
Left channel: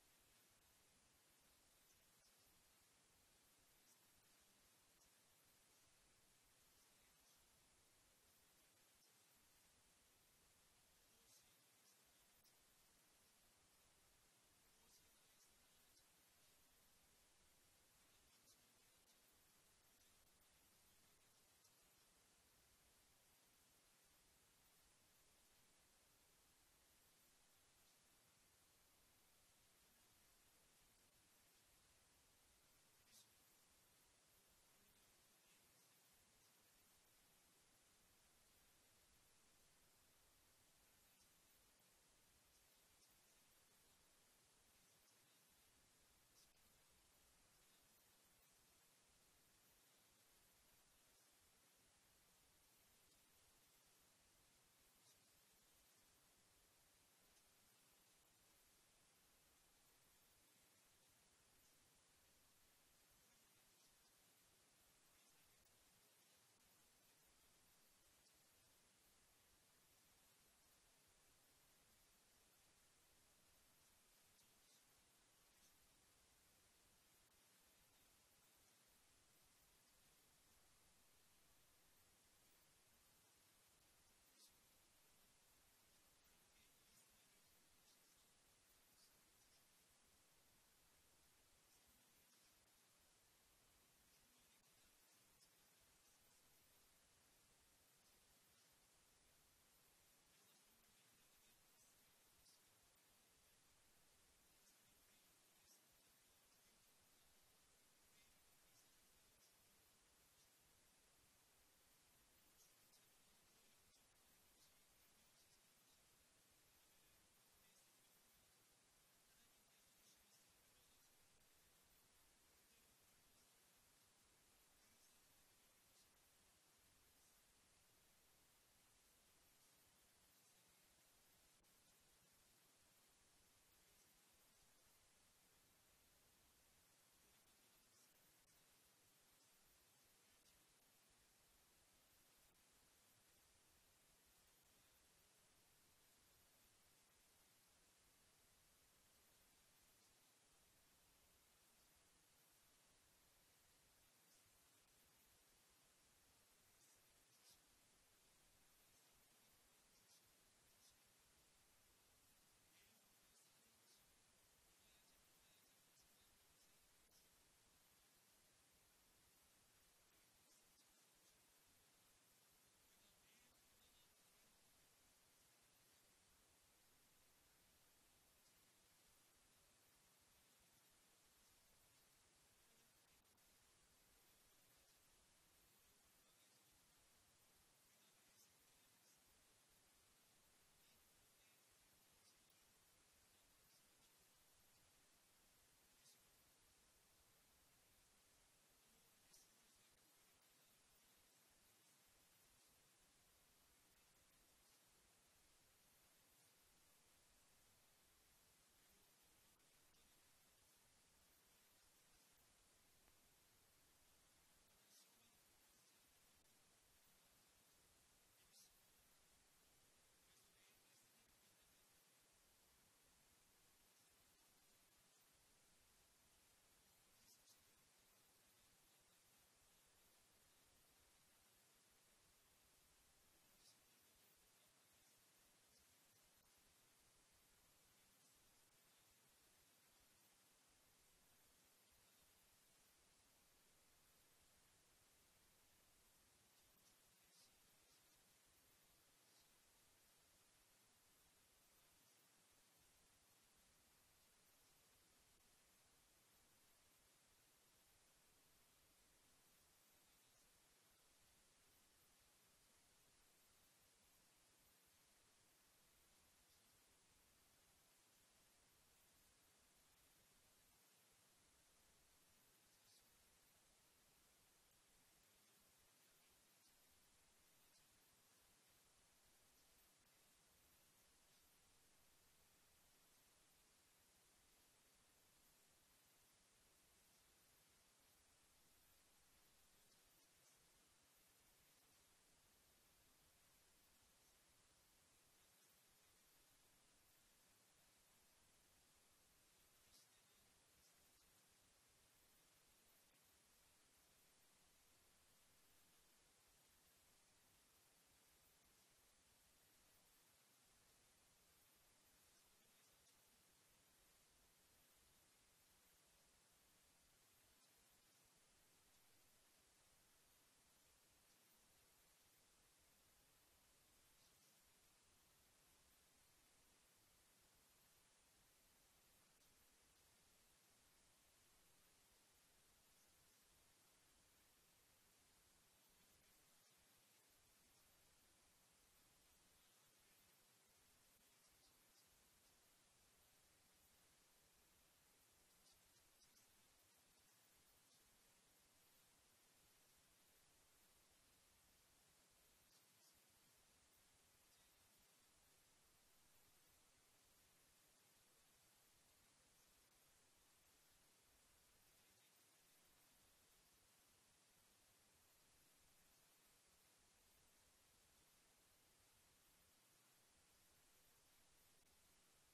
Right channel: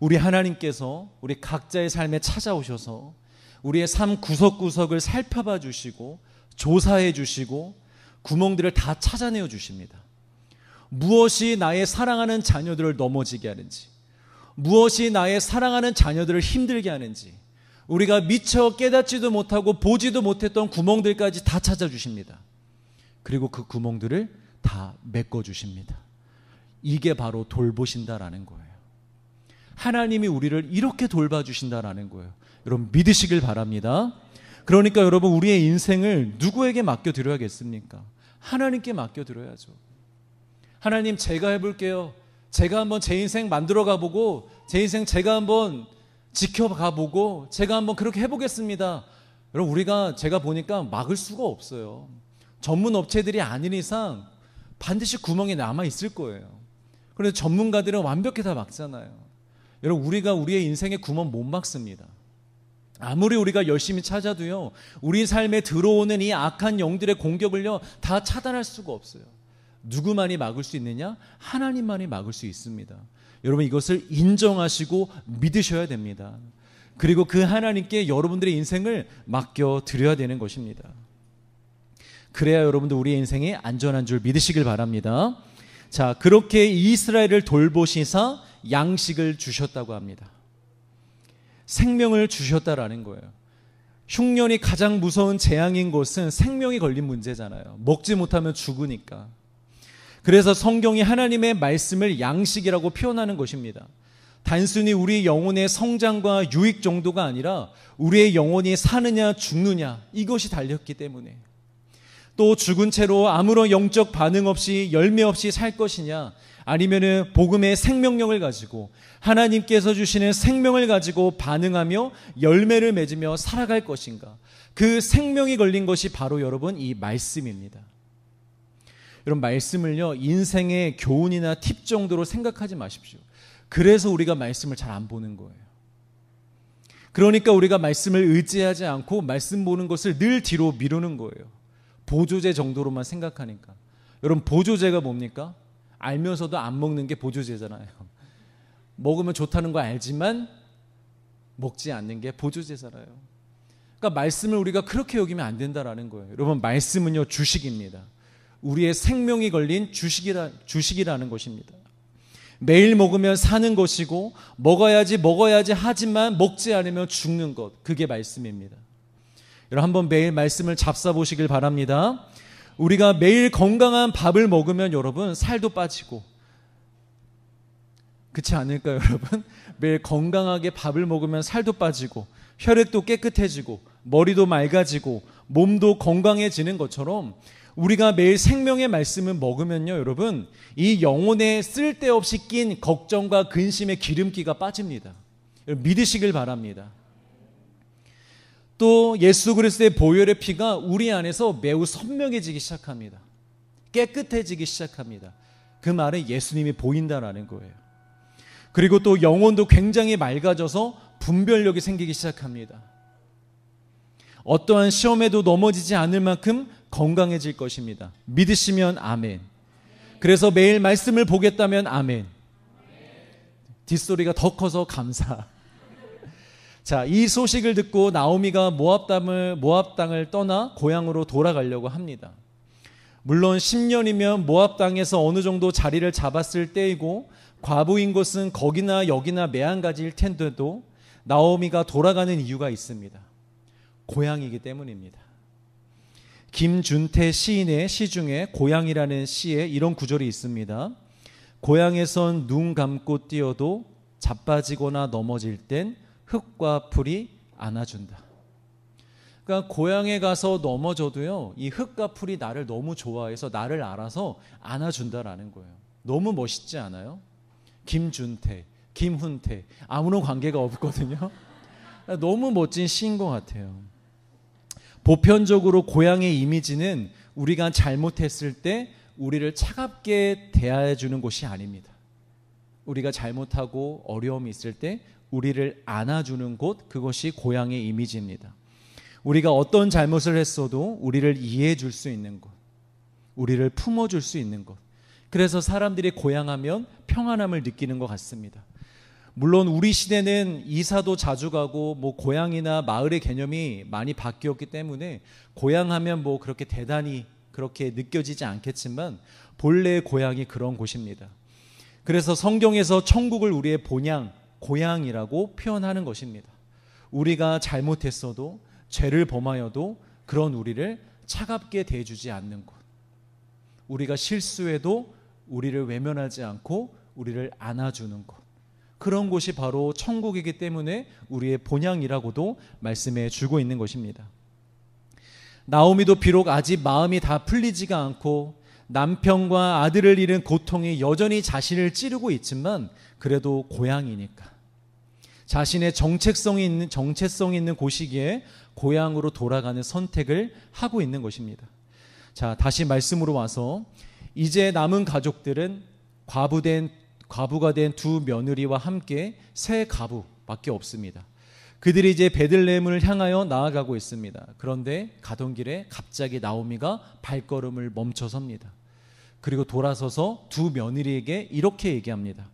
우리 하나님께서 우리 각자의 삶에 찾아오셔서 우리의 삶 구석구석을 살펴봐 주시고 조사해 주시고 구멍들을 다 찾아내어 주십니다. 무엇이 나의 사랑하는 자녀들을 넘어지게 하는지, 무엇이 나의 사랑하는 자녀들을 힘들게 하는지, 우리가 미처 깨닫지도 못하고 보지도 못했던 구멍들까지 다 찾아주십니다. 그리고 그 구멍들을 다 메꿔주십니다. 이게 바로 돌보신다라는 거예요. 하나님이 우리를 이렇게 돌봐주신다라는 거예요. 여러분 믿으시길 바랍니다. 그러니까 여러분 우리의 인생을 누구에게 맡겨드려야겠습니까? 하나님께 맡겨드려야죠. 하나님 제가 해볼게요. 제가 한번 제 인생 만들어 가보고 제 인생 제가 한번 지켜가보고 제가 한번 그렇게 해보겠습니다. 여러분 우리가 제가 보니까 막을 수가 없어요. 전문 업체들이 아닌 이상 반드시 구멍이 남아있을 거예요. 그런데 전문가들은 완벽히 다 막잖아요. 여러분 우리가 우리의 인생에 구멍 못 막습니다. 아무리 우리가 열심히 찾아도요 우리 삶에 들어오는 이 악한 영들의 공격을요 다 차단할 수가 없어요. 누구만이 막을 수 있느냐? 하나님만이 막을 수 있습니다. 여러분 이것을 인정하시고 믿으셔야 됩니다. 그리고 그 하나님께 여러분들의 인생을 맡겨 드려야 되는 것입니다. 그래야 여러분들 우리의 인생이 안전한 줄 믿으시길 바랍니다. 자, 그렇게 이스라엘을 돌보시사 양식을 주셨다고 합니다. 생명을 주셨다라는 거예요. 흉년이 가장 무서운 재앙인 것은 생명이 걸린 문제잖아요. 먹지 못하면 죽으니까. 그래서 성경이 하나님의 말씀을 양식이라고 표현하는 것입니다. 단순히 우리 영혼의 성장과 유익 정도가 아니라 우리의 영혼이 사느냐 죽느냐 이것이 달렸기 때문에, 또 죽은 채로 아무런 영적 반응 없이 열매 없이 살 것이냐, 아니면은 복음의 생명력을 가지고 하나님께서 주시는 생명을 가지고 반응하며 열매를 맺으며 살아갈 것인가. 그 생명이 걸린 것이 바로 여러분 이 말씀입니다. 여러분 말씀을요 인생의 교훈이나 팁 정도로 생각하지 마십시오. 그래서 우리가 말씀을 잘 안 보는 거예요. 그러니까 우리가 말씀을 의지하지 않고 말씀 보는 것을 늘 뒤로 미루는 거예요. 보조제 정도로만 생각하니까. 여러분 보조제가 뭡니까? 알면서도 안 먹는 게 보조제잖아요. 먹으면 좋다는 거 알지만 먹지 않는 게 보조제잖아요. 그러니까 말씀을 우리가 그렇게 여기면 안 된다라는 거예요. 여러분 말씀은요 주식입니다. 우리의 생명이 걸린 주식이라는 것입니다. 매일 먹으면 사는 것이고 먹어야지 하지만 먹지 않으면 죽는 것, 그게 말씀입니다. 여러분 한번 매일 말씀을 잡숴보시길 바랍니다. 우리가 매일 건강한 밥을 먹으면 여러분 살도 빠지고, 그렇지 않을까요 여러분? 매일 건강하게 밥을 먹으면 살도 빠지고 혈액도 깨끗해지고 머리도 맑아지고 몸도 건강해지는 것처럼 우리가 매일 생명의 말씀을 먹으면요 여러분 이 영혼에 쓸데없이 낀 걱정과 근심의 기름기가 빠집니다. 믿으시길 바랍니다. 또 예수 그리스도의 보혈의 피가 우리 안에서 매우 선명해지기 시작합니다. 깨끗해지기 시작합니다. 그 말은 예수님이 보인다라는 거예요. 그리고 또 영혼도 굉장히 맑아져서 분별력이 생기기 시작합니다. 어떠한 시험에도 넘어지지 않을 만큼 건강해질 것입니다. 믿으시면 아멘. 그래서 매일 말씀을 보겠다면 아멘. 뒷소리가 더 커서 감사. 자, 이 소식을 듣고 나오미가 모압 땅을 떠나 고향으로 돌아가려고 합니다. 물론 10년이면 모압 땅에서 어느 정도 자리를 잡았을 때이고 과부인 곳은 거기나 여기나 매한가지일 텐데도 나오미가 돌아가는 이유가 있습니다. 고향이기 때문입니다. 김준태 시인의 시 중에 고향이라는 시에 이런 구절이 있습니다. 고향에선 눈 감고 뛰어도 자빠지거나 넘어질 땐 흙과 풀이 안아준다. 그러니까 고향에 가서 넘어져도요 이 흙과 풀이 나를 너무 좋아해서 나를 알아서 안아준다라는 거예요. 너무 멋있지 않아요? 김준태, 김훈태 아무런 관계가 없거든요. 너무 멋진 시인 것 같아요. 보편적으로 고향의 이미지는 우리가 잘못했을 때 우리를 차갑게 대해주는 곳이 아닙니다. 우리가 잘못하고 어려움이 있을 때 우리를 안아주는 곳, 그것이 고향의 이미지입니다. 우리가 어떤 잘못을 했어도 우리를 이해해 줄 수 있는 곳, 우리를 품어줄 수 있는 곳. 그래서 사람들이 고향하면 평안함을 느끼는 것 같습니다. 물론 우리 시대는 이사도 자주 가고 뭐 고향이나 마을의 개념이 많이 바뀌었기 때문에 고향하면 뭐 그렇게 대단히 그렇게 느껴지지 않겠지만 본래의 고향이 그런 곳입니다. 그래서 성경에서 천국을 우리의 본향, 고향이라고 표현하는 것입니다. 우리가 잘못했어도 죄를 범하여도 그런 우리를 차갑게 대해주지 않는 곳, 우리가 실수해도 우리를 외면하지 않고 우리를 안아주는 곳, 그런 곳이 바로 천국이기 때문에 우리의 본향이라고도 말씀해 주고 있는 것입니다. 나오미도 비록 아직 마음이 다 풀리지가 않고 남편과 아들을 잃은 고통이 여전히 자신을 찌르고 있지만 그래도 고향이니까 자신의 정체성이 있는 곳이기에 고향으로 돌아가는 선택을 하고 있는 것입니다. 자, 다시 말씀으로 와서 이제 남은 가족들은 과부가 된 두 며느리와 함께 세 가부밖에 없습니다. 그들이 이제 베들레헴을 향하여 나아가고 있습니다. 그런데 가던 길에 갑자기 나오미가 발걸음을 멈춰섭니다. 그리고 돌아서서 두 며느리에게 이렇게 얘기합니다.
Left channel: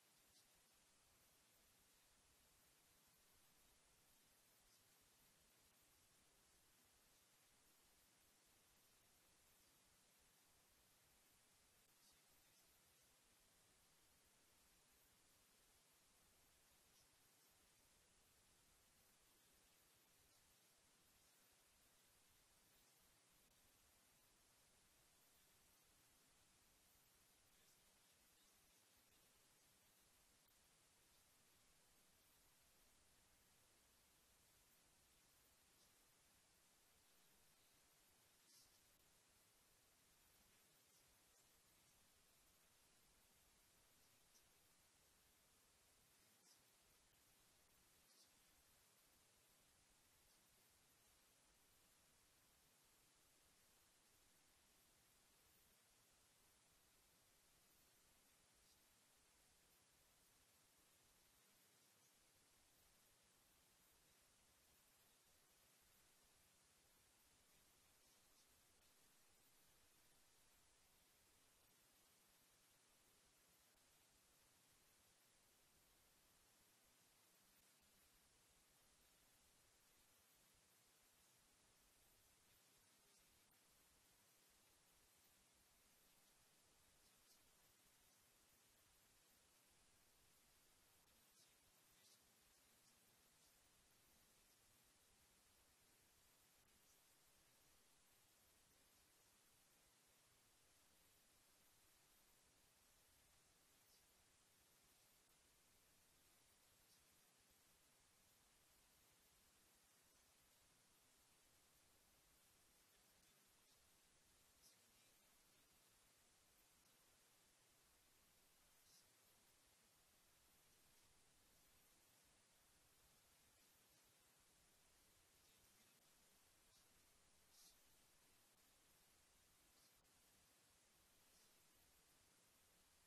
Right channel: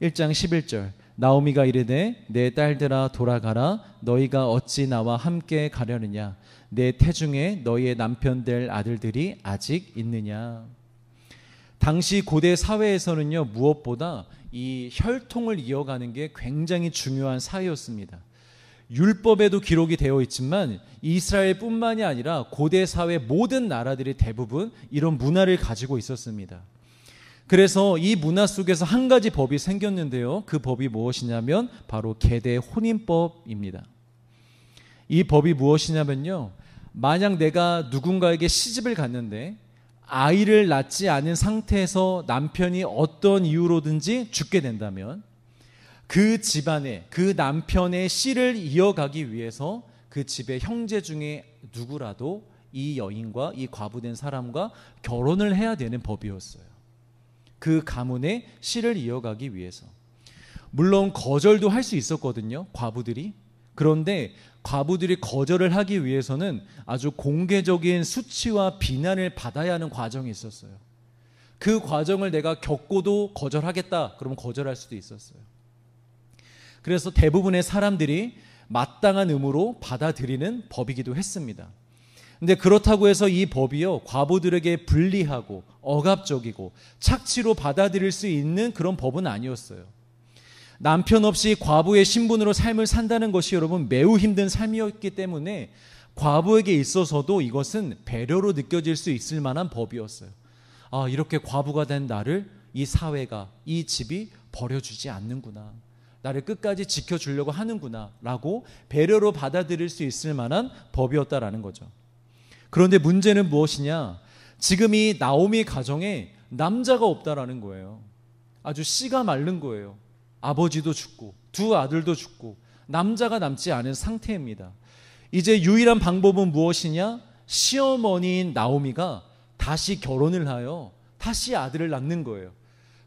1장 11절 나오미가 이르되 내 딸들아 돌아가라. 너희가 어찌 나와 함께 가려느냐. 내 태중에 너희의 남편 될 아들들이 아직 있느냐. 당시 고대 사회에서는요, 무엇보다 이 혈통을 이어가는 게 굉장히 중요한 사회였습니다. 율법에도 기록이 되어 있지만 이스라엘뿐만이 아니라 고대 사회 모든 나라들이 대부분 이런 문화를 가지고 있었습니다. 그래서 이 문화 속에서 한 가지 법이 생겼는데요. 그 법이 무엇이냐면 바로 계대 혼인법입니다. 이 법이 무엇이냐면요, 만약 내가 누군가에게 시집을 갔는데 아이를 낳지 않은 상태에서 남편이 어떤 이유로든지 죽게 된다면 그 집안에 그 남편의 씨를 이어가기 위해서 그 집의 형제 중에 누구라도 이 여인과 이 과부된 사람과 결혼을 해야 되는 법이었어요. 그 가문의 씨를 이어가기 위해서. 물론 거절도 할 수 있었거든요, 과부들이. 그런데 과부들이 거절을 하기 위해서는 아주 공개적인 수치와 비난을 받아야 하는 과정이 있었어요. 그 과정을 내가 겪고도 거절하겠다 그러면 거절할 수도 있었어요. 그래서 대부분의 사람들이 마땅한 의무로 받아들이는 법이기도 했습니다. 근데 그렇다고 해서 이 법이요, 과부들에게 불리하고 억압적이고 착취로 받아들일 수 있는 그런 법은 아니었어요. 남편 없이 과부의 신분으로 삶을 산다는 것이 여러분 매우 힘든 삶이었기 때문에 과부에게 있어서도 이것은 배려로 느껴질 수 있을 만한 법이었어요. 아, 이렇게 과부가 된 나를 이 사회가, 이 집이 버려주지 않는구나, 나를 끝까지 지켜주려고 하는구나 라고 배려로 받아들일 수 있을 만한 법이었다라는 거죠. 그런데 문제는 무엇이냐, 지금 이 나오미 가정에 남자가 없다라는 거예요. 아주 씨가 마른 거예요. 아버지도 죽고 두 아들도 죽고 남자가 남지 않은 상태입니다. 이제 유일한 방법은 무엇이냐, 시어머니인 나오미가 다시 결혼을 하여 다시 아들을 낳는 거예요.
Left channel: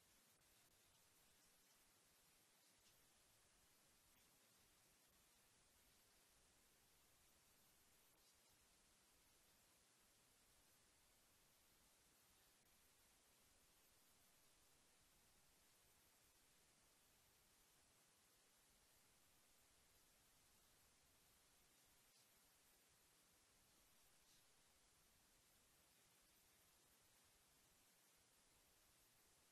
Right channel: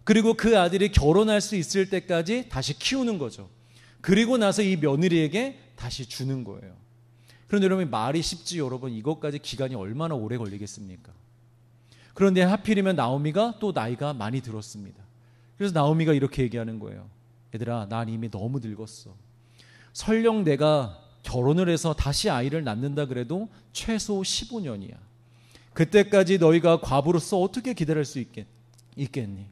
그리고 그 아들이 결혼할 수 있을 때까지 다시 키우는 거죠. 그리고 나서 이 며느리에게 다시 주는 거예요. 그런데 여러분, 말이 쉽지 여러분, 이것까지 기간이 얼마나 오래 걸리겠습니까? 그런데 하필이면 나오미가 또 나이가 많이 들었습니다. 그래서 나오미가 이렇게 얘기하는 거예요. 얘들아, 난 이미 너무 늙었어. 설령 내가 결혼을 해서 다시 아이를 낳는다 그래도 최소 15년이야. 그때까지 너희가 과부로서 어떻게 기다릴 수 있겠니?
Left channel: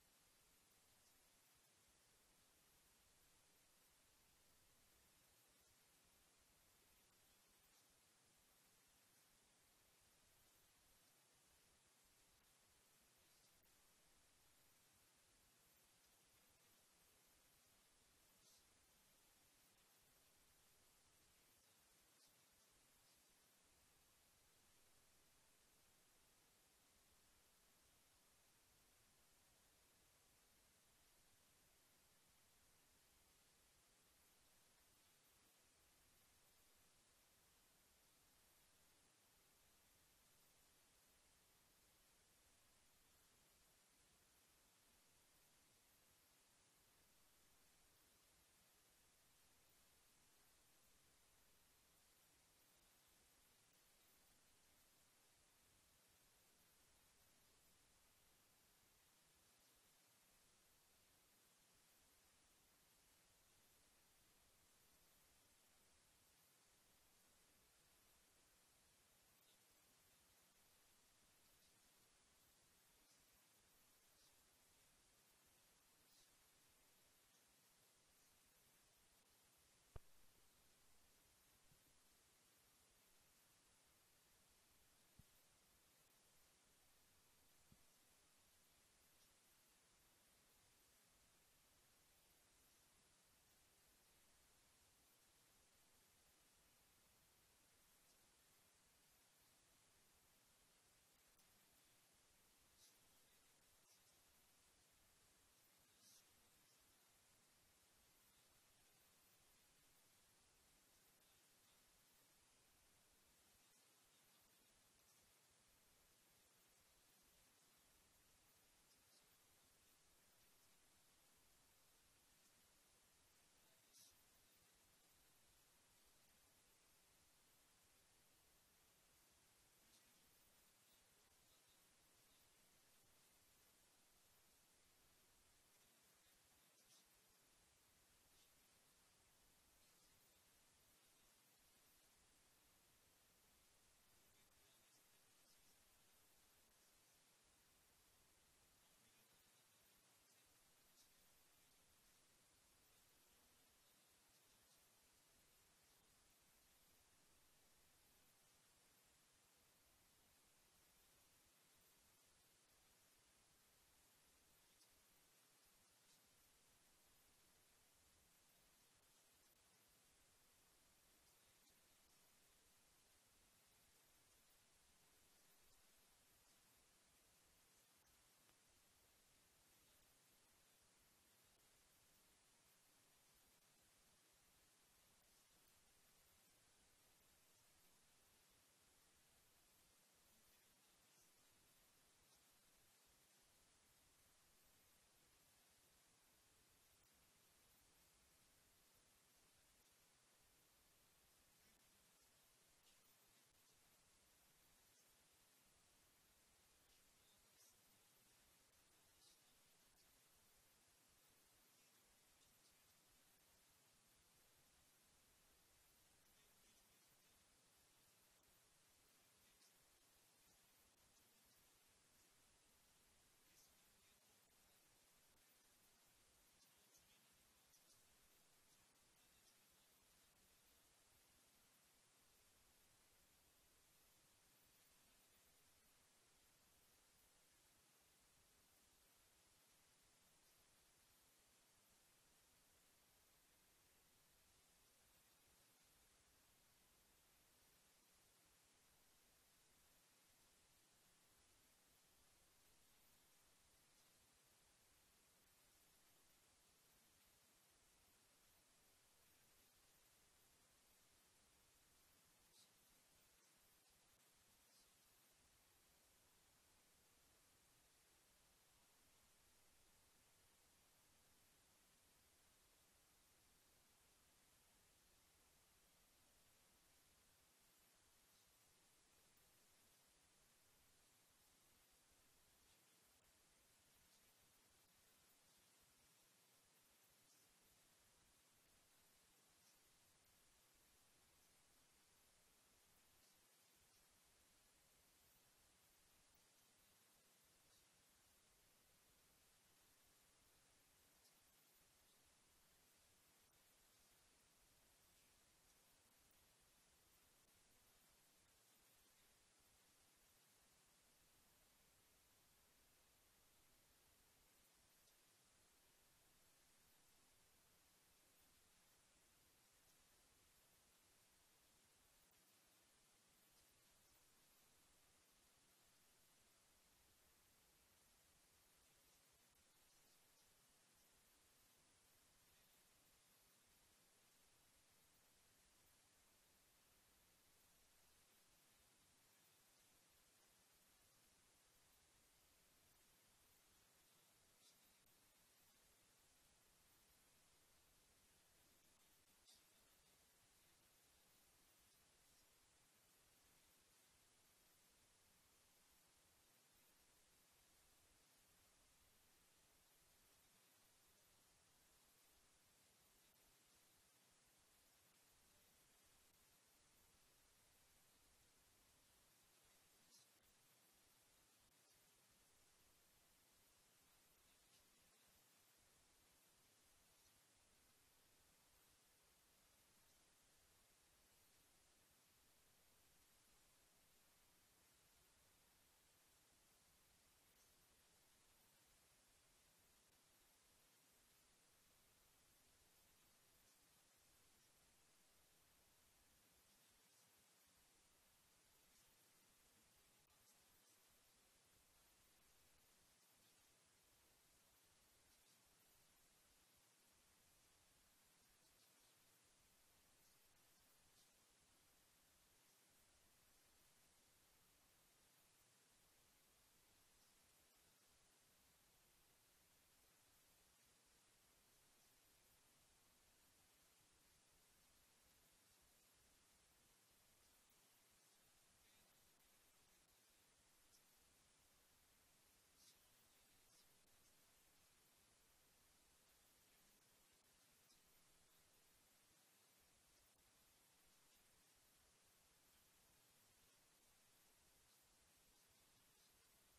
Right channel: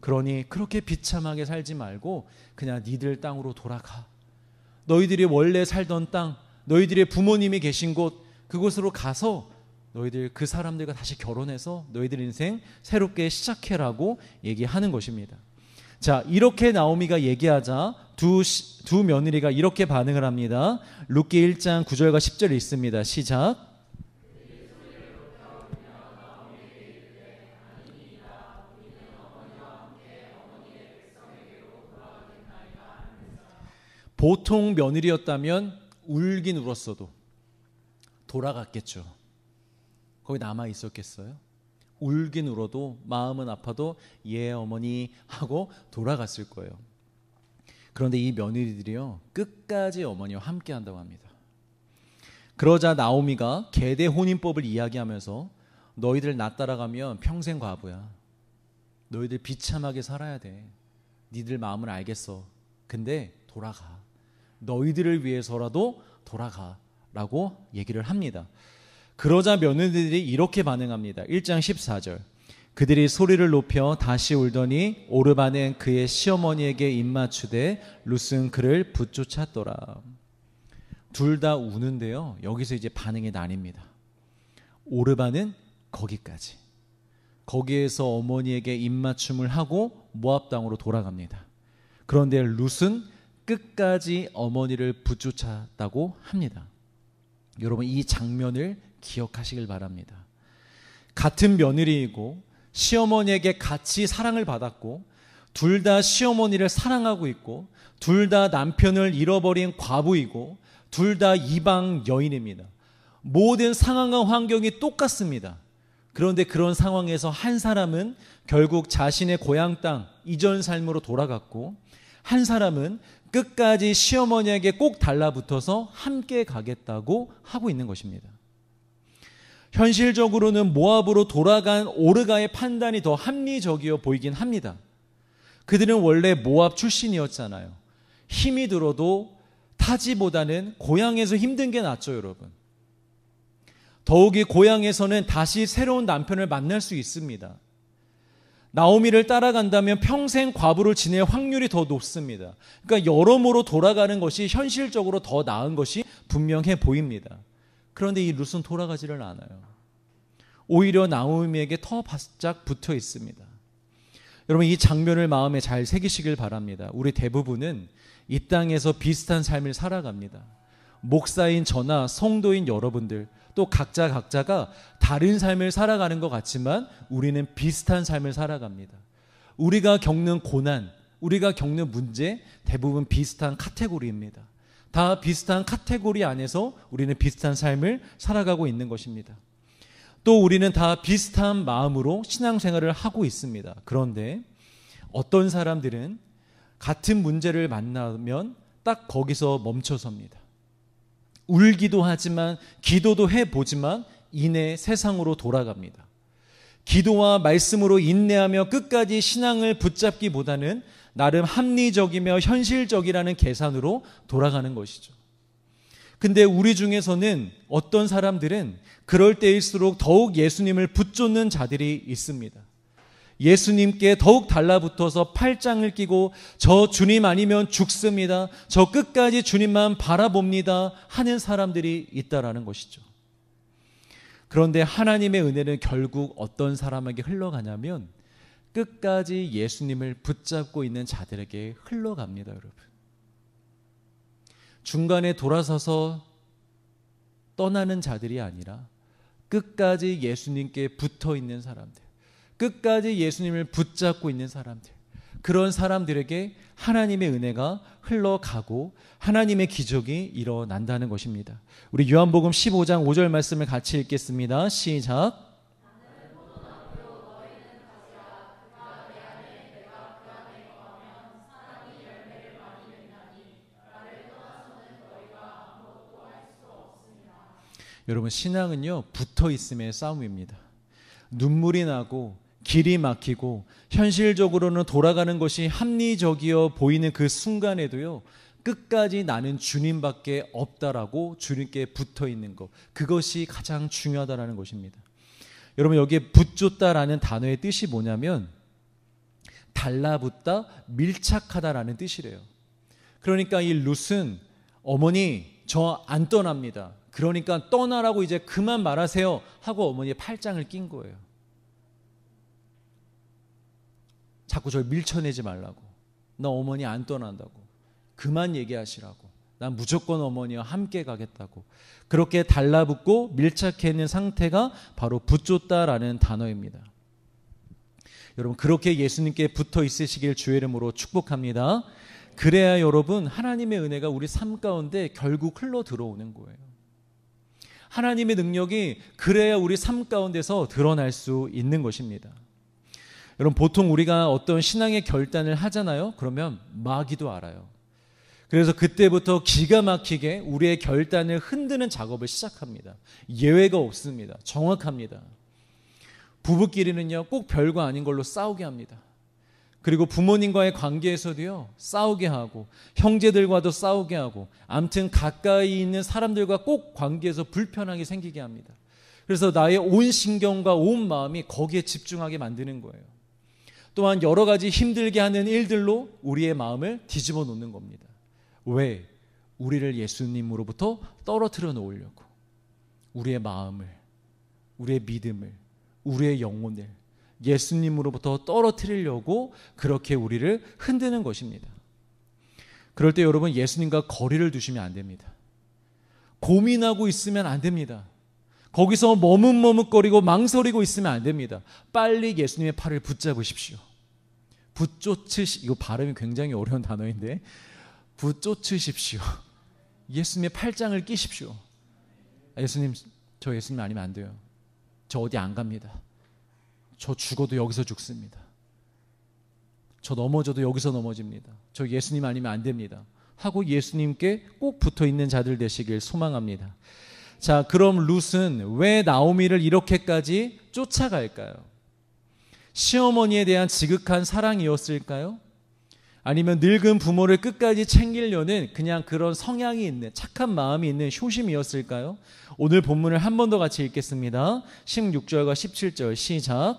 그러니 그렇게 비참하게 살지 말고 그냥 니들 땅으로 돌아가. 너희들이 원래 살던 땅, 너희들의 부모님이 계신 곳, 그곳으로 가서 너희들 그 사람들과 다시 결혼해서 너희들 인생 새롭게 시작해라고 얘기하는 것입니다. 자, 이렇게 나오미가 얘기하자 두 며느리가 이렇게 반응을 합니다. 룻기 1장 9절과 10절이 있습니다. 시작. 보통 며느리였다면 울긴 울었어도 돌아갔겠죠. 거기 남아 있었겠어요? 울긴 울어도 마음은 아파도 예 어머니 하고 돌아갔을 거예요. 그런데 이 며느리들이요, 끝까지 어머니와 함께 한다고 합니다. 그러자 나오미가 계대 혼인법을 이야기하면서 너희들 나 따라가면 평생 과부야. 너희들 비참하게 살아야 돼. 니들 마음을 알겠어. 근데 돌아가. 너희들을 위해서라도 돌아가 라고 얘기를 합니다. 그러자 며느리들이 이렇게 반응합니다. 1장 14절 그들이 소리를 높여 다시 울더니 오르바는 그의 시어머니에게 입맞추되 룻은 그를 붙쫓았더라. 둘 다 우는데요, 여기서 이제 반응이 나뉩니다. 오르바는 거기까지, 거기에서 어머니에게 입맞춤을 하고 모압 땅으로 돌아갑니다. 그런데 룻은 끝까지 어머니를 붙쫓았다고 합니다. 여러분, 이 장면을 기억하시길 바랍니다. 같은 며느리이고 시어머니에게 같이 사랑을 받았고 둘 다 시어머니를 사랑하고 있고 둘 다 남편을 잃어버린 과부이고 둘 다 이방 여인입니다. 모든 상황과 환경이 똑같습니다. 그런데 그런 상황에서 한 사람은 결국 자신의 고향 땅 이전 삶으로 돌아갔고 한 사람은 끝까지 시어머니에게 꼭 달라붙어서 함께 가겠다고 하고 있는 것입니다. 현실적으로는 모압으로 돌아간 오르가의 판단이 더 합리적이어 보이긴 합니다. 그들은 원래 모압 출신이었잖아요. 힘이 들어도 타지보다는 고향에서 힘든 게 낫죠, 여러분. 더욱이 고향에서는 다시 새로운 남편을 만날 수 있습니다. 나오미를 따라간다면 평생 과부를 지낼 확률이 더 높습니다. 그러니까 여러모로 돌아가는 것이 현실적으로 더 나은 것이 분명해 보입니다. 그런데 이 룻은 돌아가지를 않아요. 오히려 나오미에게 더 바짝 붙어 있습니다. 여러분, 이 장면을 마음에 잘 새기시길 바랍니다. 우리 대부분은 이 땅에서 비슷한 삶을 살아갑니다. 목사인 저나 성도인 여러분들, 또 각자가 다른 삶을 살아가는 것 같지만 우리는 비슷한 삶을 살아갑니다. 우리가 겪는 고난, 우리가 겪는 문제 대부분 비슷한 카테고리입니다. 다 비슷한 카테고리 안에서 우리는 비슷한 삶을 살아가고 있는 것입니다. 또 우리는 다 비슷한 마음으로 신앙생활을 하고 있습니다. 그런데 어떤 사람들은 같은 문제를 만나면 딱 거기서 멈춰섭니다. 울기도 하지만 기도도 해보지만 이내 세상으로 돌아갑니다. 기도와 말씀으로 인내하며 끝까지 신앙을 붙잡기보다는 나름 합리적이며 현실적이라는 계산으로 돌아가는 것이죠. 근데 우리 중에서는 어떤 사람들은 그럴 때일수록 더욱 예수님을 붙쫓는 자들이 있습니다. 예수님께 더욱 달라붙어서 팔짱을 끼고 저 주님 아니면 죽습니다. 저 끝까지 주님만 바라봅니다 하는 사람들이 있다라는 것이죠. 그런데 하나님의 은혜는 결국 어떤 사람에게 흘러가냐면 끝까지 예수님을 붙잡고 있는 자들에게 흘러갑니다, 여러분. 중간에 돌아서서 떠나는 자들이 아니라 끝까지 예수님께 붙어 있는 사람들, 끝까지 예수님을 붙잡고 있는 사람들, 그런 사람들에게 하나님의 은혜가 흘러가고 하나님의 기적이 일어난다는 것입니다. 우리 요한복음 15장 5절 말씀을 같이 읽겠습니다. 시작. 여러분, 신앙은요, 붙어 있음의 싸움입니다. 눈물이 나고 길이 막히고 현실적으로는 돌아가는 것이 합리적이어 보이는 그 순간에도요, 끝까지 나는 주님밖에 없다라고 주님께 붙어 있는 것, 그것이 가장 중요하다라는 것입니다. 여러분, 여기에 붙잡다라는 단어의 뜻이 뭐냐면 달라붙다, 밀착하다라는 뜻이래요. 그러니까 이 룻은 어머니 저 안 떠납니다. 그러니까 떠나라고 이제 그만 말하세요 하고 어머니의 팔짱을 낀 거예요. 자꾸 저를 밀쳐내지 말라고. 나 어머니 안 떠난다고. 그만 얘기하시라고. 난 무조건 어머니와 함께 가겠다고. 그렇게 달라붙고 밀착해 있는 상태가 바로 붙잡다라는 단어입니다. 여러분, 그렇게 예수님께 붙어 있으시길 주의 이름으로 축복합니다. 그래야 여러분, 하나님의 은혜가 우리 삶 가운데 결국 흘러 들어오는 거예요. 하나님의 능력이 그래야 우리 삶 가운데서 드러날 수 있는 것입니다. 여러분, 보통 우리가 어떤 신앙의 결단을 하잖아요. 그러면 마귀도 알아요. 그래서 그때부터 기가 막히게 우리의 결단을 흔드는 작업을 시작합니다. 예외가 없습니다. 정확합니다. 부부끼리는요, 꼭 별거 아닌 걸로 싸우게 합니다. 그리고 부모님과의 관계에서도요, 싸우게 하고 형제들과도 싸우게 하고 아무튼 가까이 있는 사람들과 꼭 관계에서 불편하게 생기게 합니다. 그래서 나의 온 신경과 온 마음이 거기에 집중하게 만드는 거예요. 또한 여러 가지 힘들게 하는 일들로 우리의 마음을 뒤집어 놓는 겁니다. 왜? 우리를 예수님으로부터 떨어뜨려 놓으려고. 우리의 마음을, 우리의 믿음을, 우리의 영혼을 예수님으로부터 떨어뜨리려고 그렇게 우리를 흔드는 것입니다. 그럴 때 여러분, 예수님과 거리를 두시면 안 됩니다. 고민하고 있으면 안 됩니다. 거기서 머뭇머뭇거리고 망설이고 있으면 안 됩니다. 빨리 예수님의 팔을 붙잡으십시오. 이거 발음이 굉장히 어려운 단어인데, 붙쫓으십시오. 예수님의 팔짱을 끼십시오. 예수님, 저 예수님 아니면 안 돼요. 저 어디 안 갑니다. 저 죽어도 여기서 죽습니다. 저 넘어져도 여기서 넘어집니다. 저 예수님 아니면 안 됩니다. 하고 예수님께 꼭 붙어 있는 자들 되시길 소망합니다. 자, 그럼 룻은 왜 나오미를 이렇게까지 쫓아갈까요? 시어머니에 대한 지극한 사랑이었을까요? 아니면 늙은 부모를 끝까지 챙기려는 그냥 그런 성향이 있는 착한 마음이 있는 효심이었을까요? 오늘 본문을 한 번 더 같이 읽겠습니다. 16절과 17절 시작.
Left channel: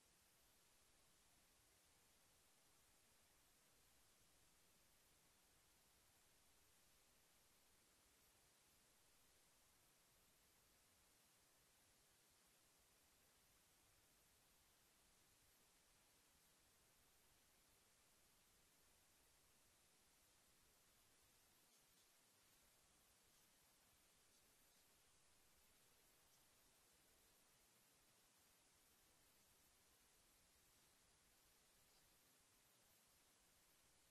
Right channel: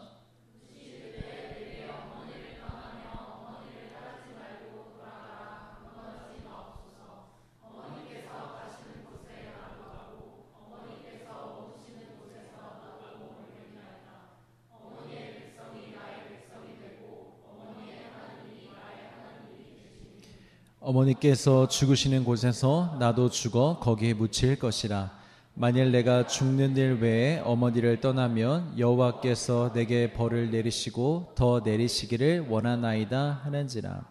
어머니께서 죽으시는 곳에서 나도 죽어 거기에 묻힐 것이라. 만일 내가 죽는 일 외에 어머니를 떠나면 여호와께서 내게 벌을 내리시고 더 내리시기를 원하나이다 하는지라.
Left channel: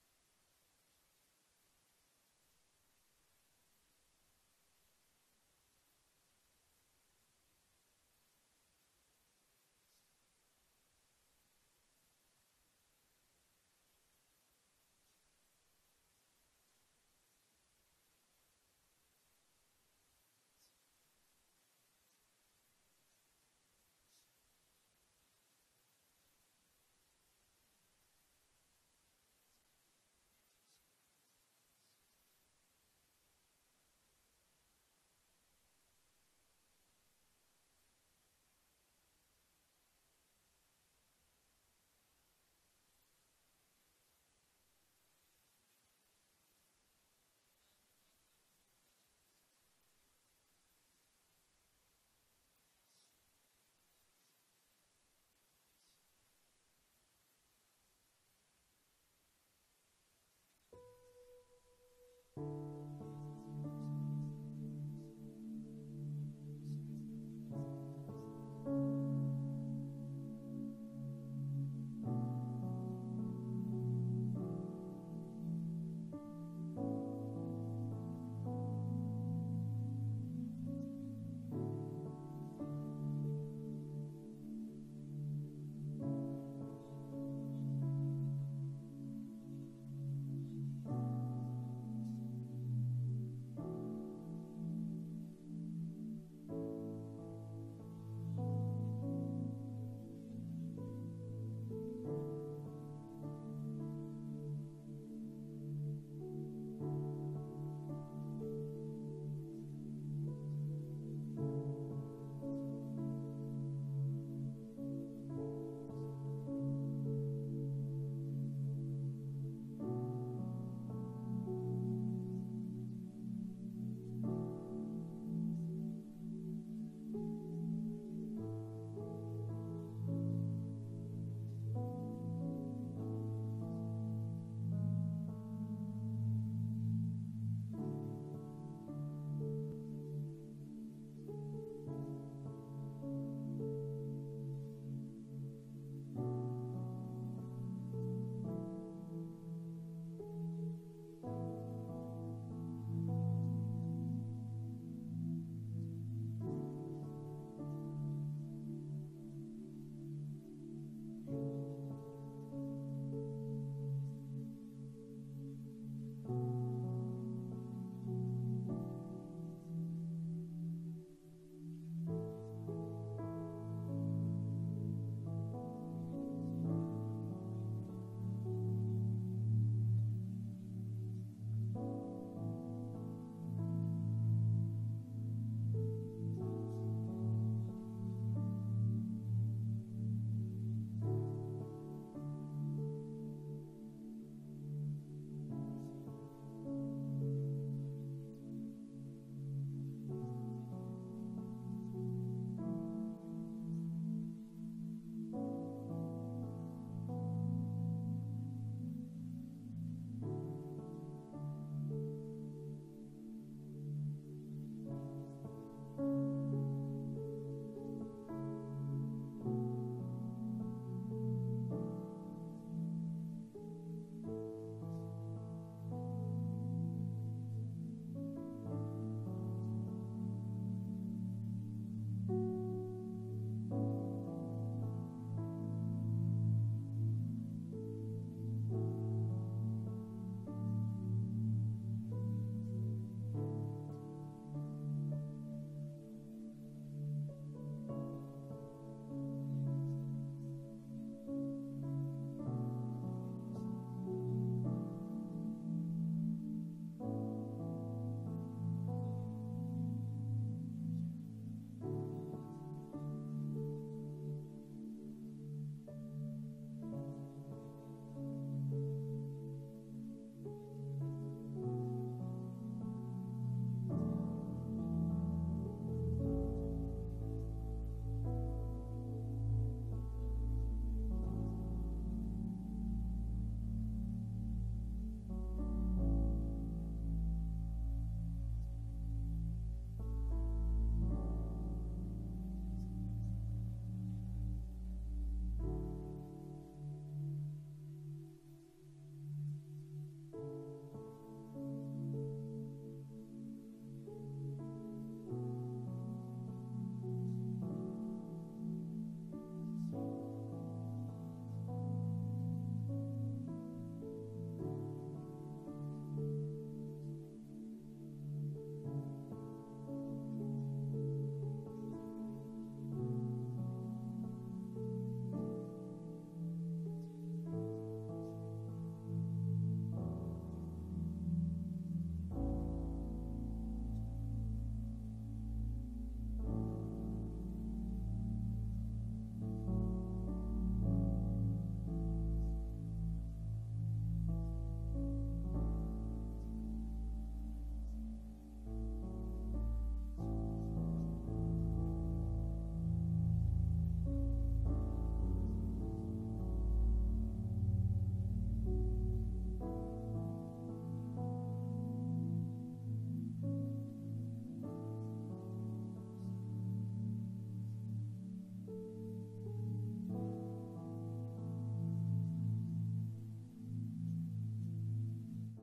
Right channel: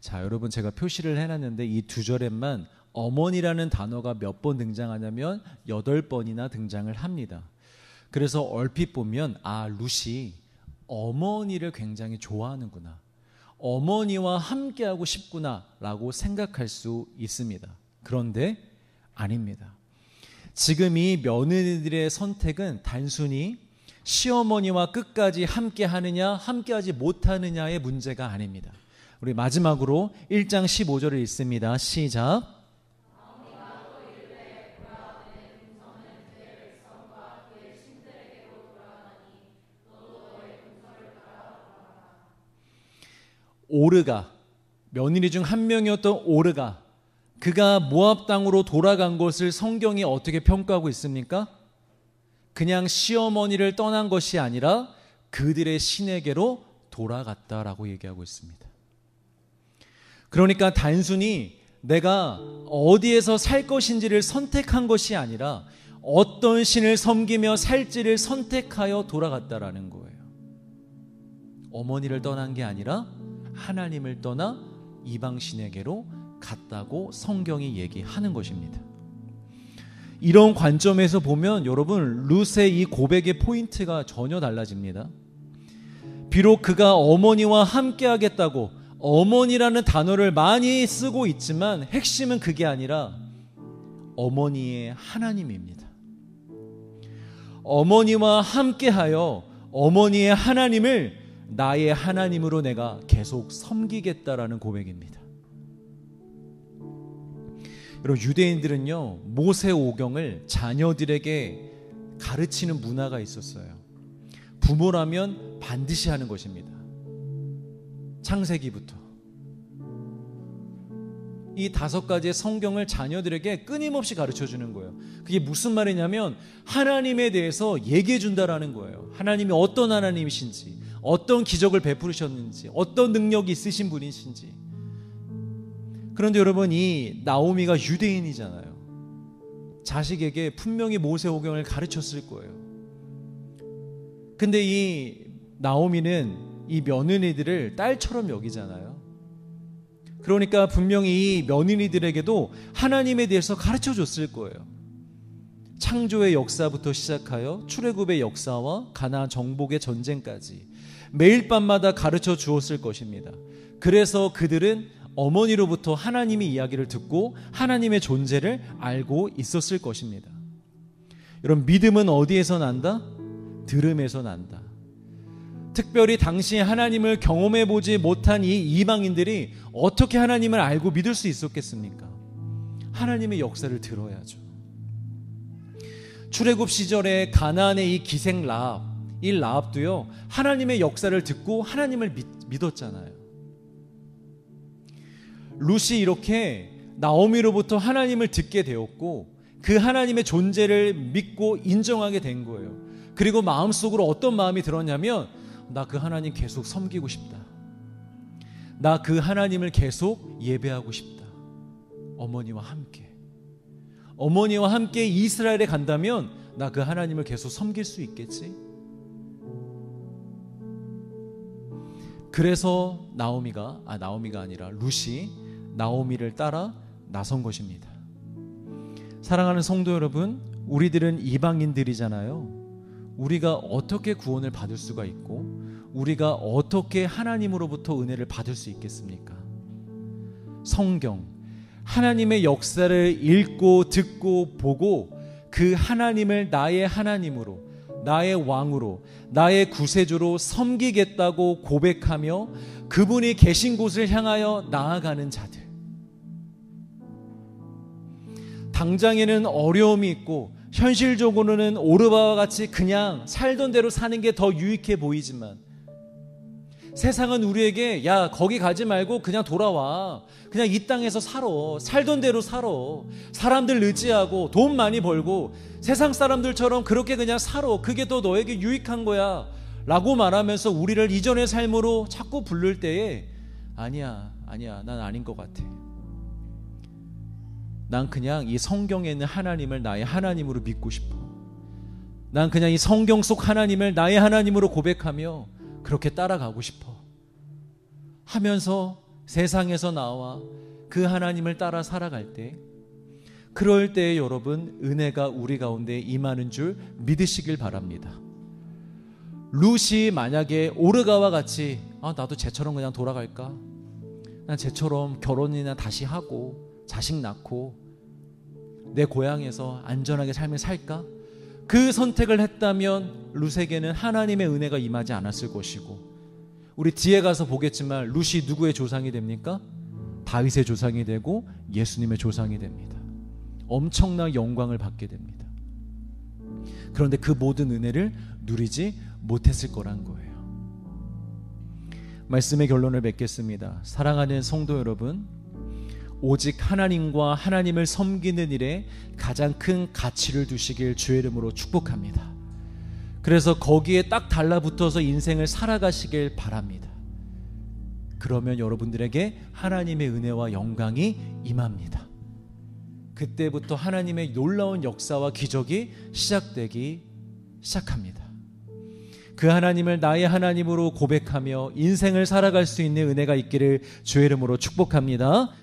자, 여러분 제가 표시를 해놨는데 이 두 절에만 어머니라는 단어가 몇 번 등장하냐면 8번이나 등장을 합니다. 그래서 얼핏 보면 룻이 어머니를 굉장히 좋아하는구나, 어머니와 함께하고 싶구나 라고 생각할 수 있습니다. 그런데 아닙니다. 지금 이 며느리들의 선택은 단순히 시어머니와 끝까지 함께하느냐 함께하지 못하느냐의 문제가 아닙니다. 우리 마지막으로 1장 15절을 읽습니다. 시작. 오르가, 며느리 중 한 명이었던 오르가, 그가 모압 땅으로 돌아간 것을 성경이 어떻게 평가하고 있습니까? 그냥 시어머니를 떠난 것이 아니라 그들의 신에게로 돌아갔다라고 얘기하고 있습니다. 그러니까 단순히 내가 어디에서 살 것인지를 선택한 것이 아니라 어떤 신을 섬기며 살지를 선택하여 돌아갔다라는 거예요. 어머니를 떠난 게 아니라 하나님을 떠나 이방신에게로 갔다고 성경이 얘기하는 것입니다. 이런 관점에서 보면 여러분, 룻의 이 고백의 포인트가 전혀 달라집니다. 비록 그가 어머니와 함께 하겠다고 어머니라는 단어를 많이 쓰고 있지만 핵심은 그게 아니라 어머니의 하나님입니다. 어머니와 함께하여 어머니의 하나님을 나의 하나님으로 내가 계속 섬기겠다라는 고백입니다. 여러분, 유대인들은요 모세오경을 자녀들에게 가르치는 문화가 있었어요. 부모라면 반드시 하는 것입니다. 창세기부터 이 5가지의 성경을 자녀들에게 끊임없이 가르쳐 주는 거예요. 그게 무슨 말이냐면 하나님에 대해서 얘기해 준다라는 거예요. 하나님이 어떤 하나님이신지, 어떤 기적을 베푸셨는지, 어떤 능력이 있으신 분이신지. 그런데 여러분, 이 나오미가 유대인이잖아요. 자식에게 분명히 모세오경을 가르쳤을 거예요. 근데 이 나오미는 이 며느리들을 딸처럼 여기잖아요. 그러니까 분명히 이 며느리들에게도 하나님에 대해서 가르쳐 줬을 거예요. 창조의 역사부터 시작하여 출애굽의 역사와 가나안 정복의 전쟁까지 매일 밤마다 가르쳐 주었을 것입니다. 그래서 그들은 어머니로부터 하나님의 이야기를 듣고 하나님의 존재를 알고 있었을 것입니다. 여러분, 믿음은 어디에서 난다? 들음에서 난다. 특별히 당시 하나님을 경험해 보지 못한 이 이방인들이 어떻게 하나님을 알고 믿을 수 있었겠습니까? 하나님의 역사를 들어야죠. 출애굽 시절에 가나안의 이 기생 라합, 이 라합도요 하나님의 역사를 듣고 하나님을 믿었잖아요. 룻이 이렇게 나오미로부터 하나님을 듣게 되었고 그 하나님의 존재를 믿고 인정하게 된 거예요. 그리고 마음속으로 어떤 마음이 들었냐면 나 그 하나님 계속 섬기고 싶다. 나 그 하나님을 계속 예배하고 싶다. 어머니와 함께 이스라엘에 간다면 나 그 하나님을 계속 섬길 수 있겠지. 그래서 나오미가 아니라 룻이 나오미를 따라 나선 것입니다. 사랑하는 성도 여러분, 우리들은 이방인들이잖아요. 우리가 어떻게 구원을 받을 수가 있고 우리가 어떻게 하나님으로부터 은혜를 받을 수 있겠습니까? 성경, 하나님의 역사를 읽고 듣고 보고 그 하나님을 나의 하나님으로, 나의 왕으로, 나의 구세주로 섬기겠다고 고백하며 그분이 계신 곳을 향하여 나아가는 자들. 당장에는 어려움이 있고 현실적으로는 오르바와 같이 그냥 살던 대로 사는 게 더 유익해 보이지만, 세상은 우리에게 야 거기 가지 말고 그냥 돌아와, 그냥 이 땅에서 살아, 살던 대로 살아, 사람들 의지하고 돈 많이 벌고 세상 사람들처럼 그렇게 그냥 살아, 그게 더 너에게 유익한 거야 라고 말하면서 우리를 이전의 삶으로 자꾸 부를 때에 아니야 난 아닌 것 같아. 난 그냥 이 성경에 있는 하나님을 나의 하나님으로 믿고 싶어. 난 그냥 이 성경 속 하나님을 나의 하나님으로 고백하며 그렇게 따라가고 싶어 하면서 세상에서 나와 그 하나님을 따라 살아갈 때, 그럴 때에 여러분 은혜가 우리 가운데 임하는 줄 믿으시길 바랍니다. 룻이 만약에 오르가와 같이 나도 쟤처럼 그냥 돌아갈까, 난 쟤처럼 결혼이나 다시 하고 자식 낳고 내 고향에서 안전하게 삶을 살까, 그 선택을 했다면 룻에게는 하나님의 은혜가 임하지 않았을 것이고, 우리 뒤에 가서 보겠지만 룻이 누구의 조상이 됩니까? 다윗의 조상이 되고 예수님의 조상이 됩니다. 엄청난 영광을 받게 됩니다. 그런데 그 모든 은혜를 누리지 못했을 거란 거예요. 말씀의 결론을 맺겠습니다. 사랑하는 성도 여러분, 오직 하나님과 하나님을 섬기는 일에 가장 큰 가치를 두시길 주의 이름으로 축복합니다. 그래서 거기에 딱 달라붙어서 인생을 살아가시길 바랍니다. 그러면 여러분들에게 하나님의 은혜와 영광이 임합니다. 그때부터 하나님의 놀라운 역사와 기적이 시작되기 시작합니다. 그 하나님을 나의 하나님으로 고백하며 인생을 살아갈 수 있는 은혜가 있기를 주의 이름으로 축복합니다.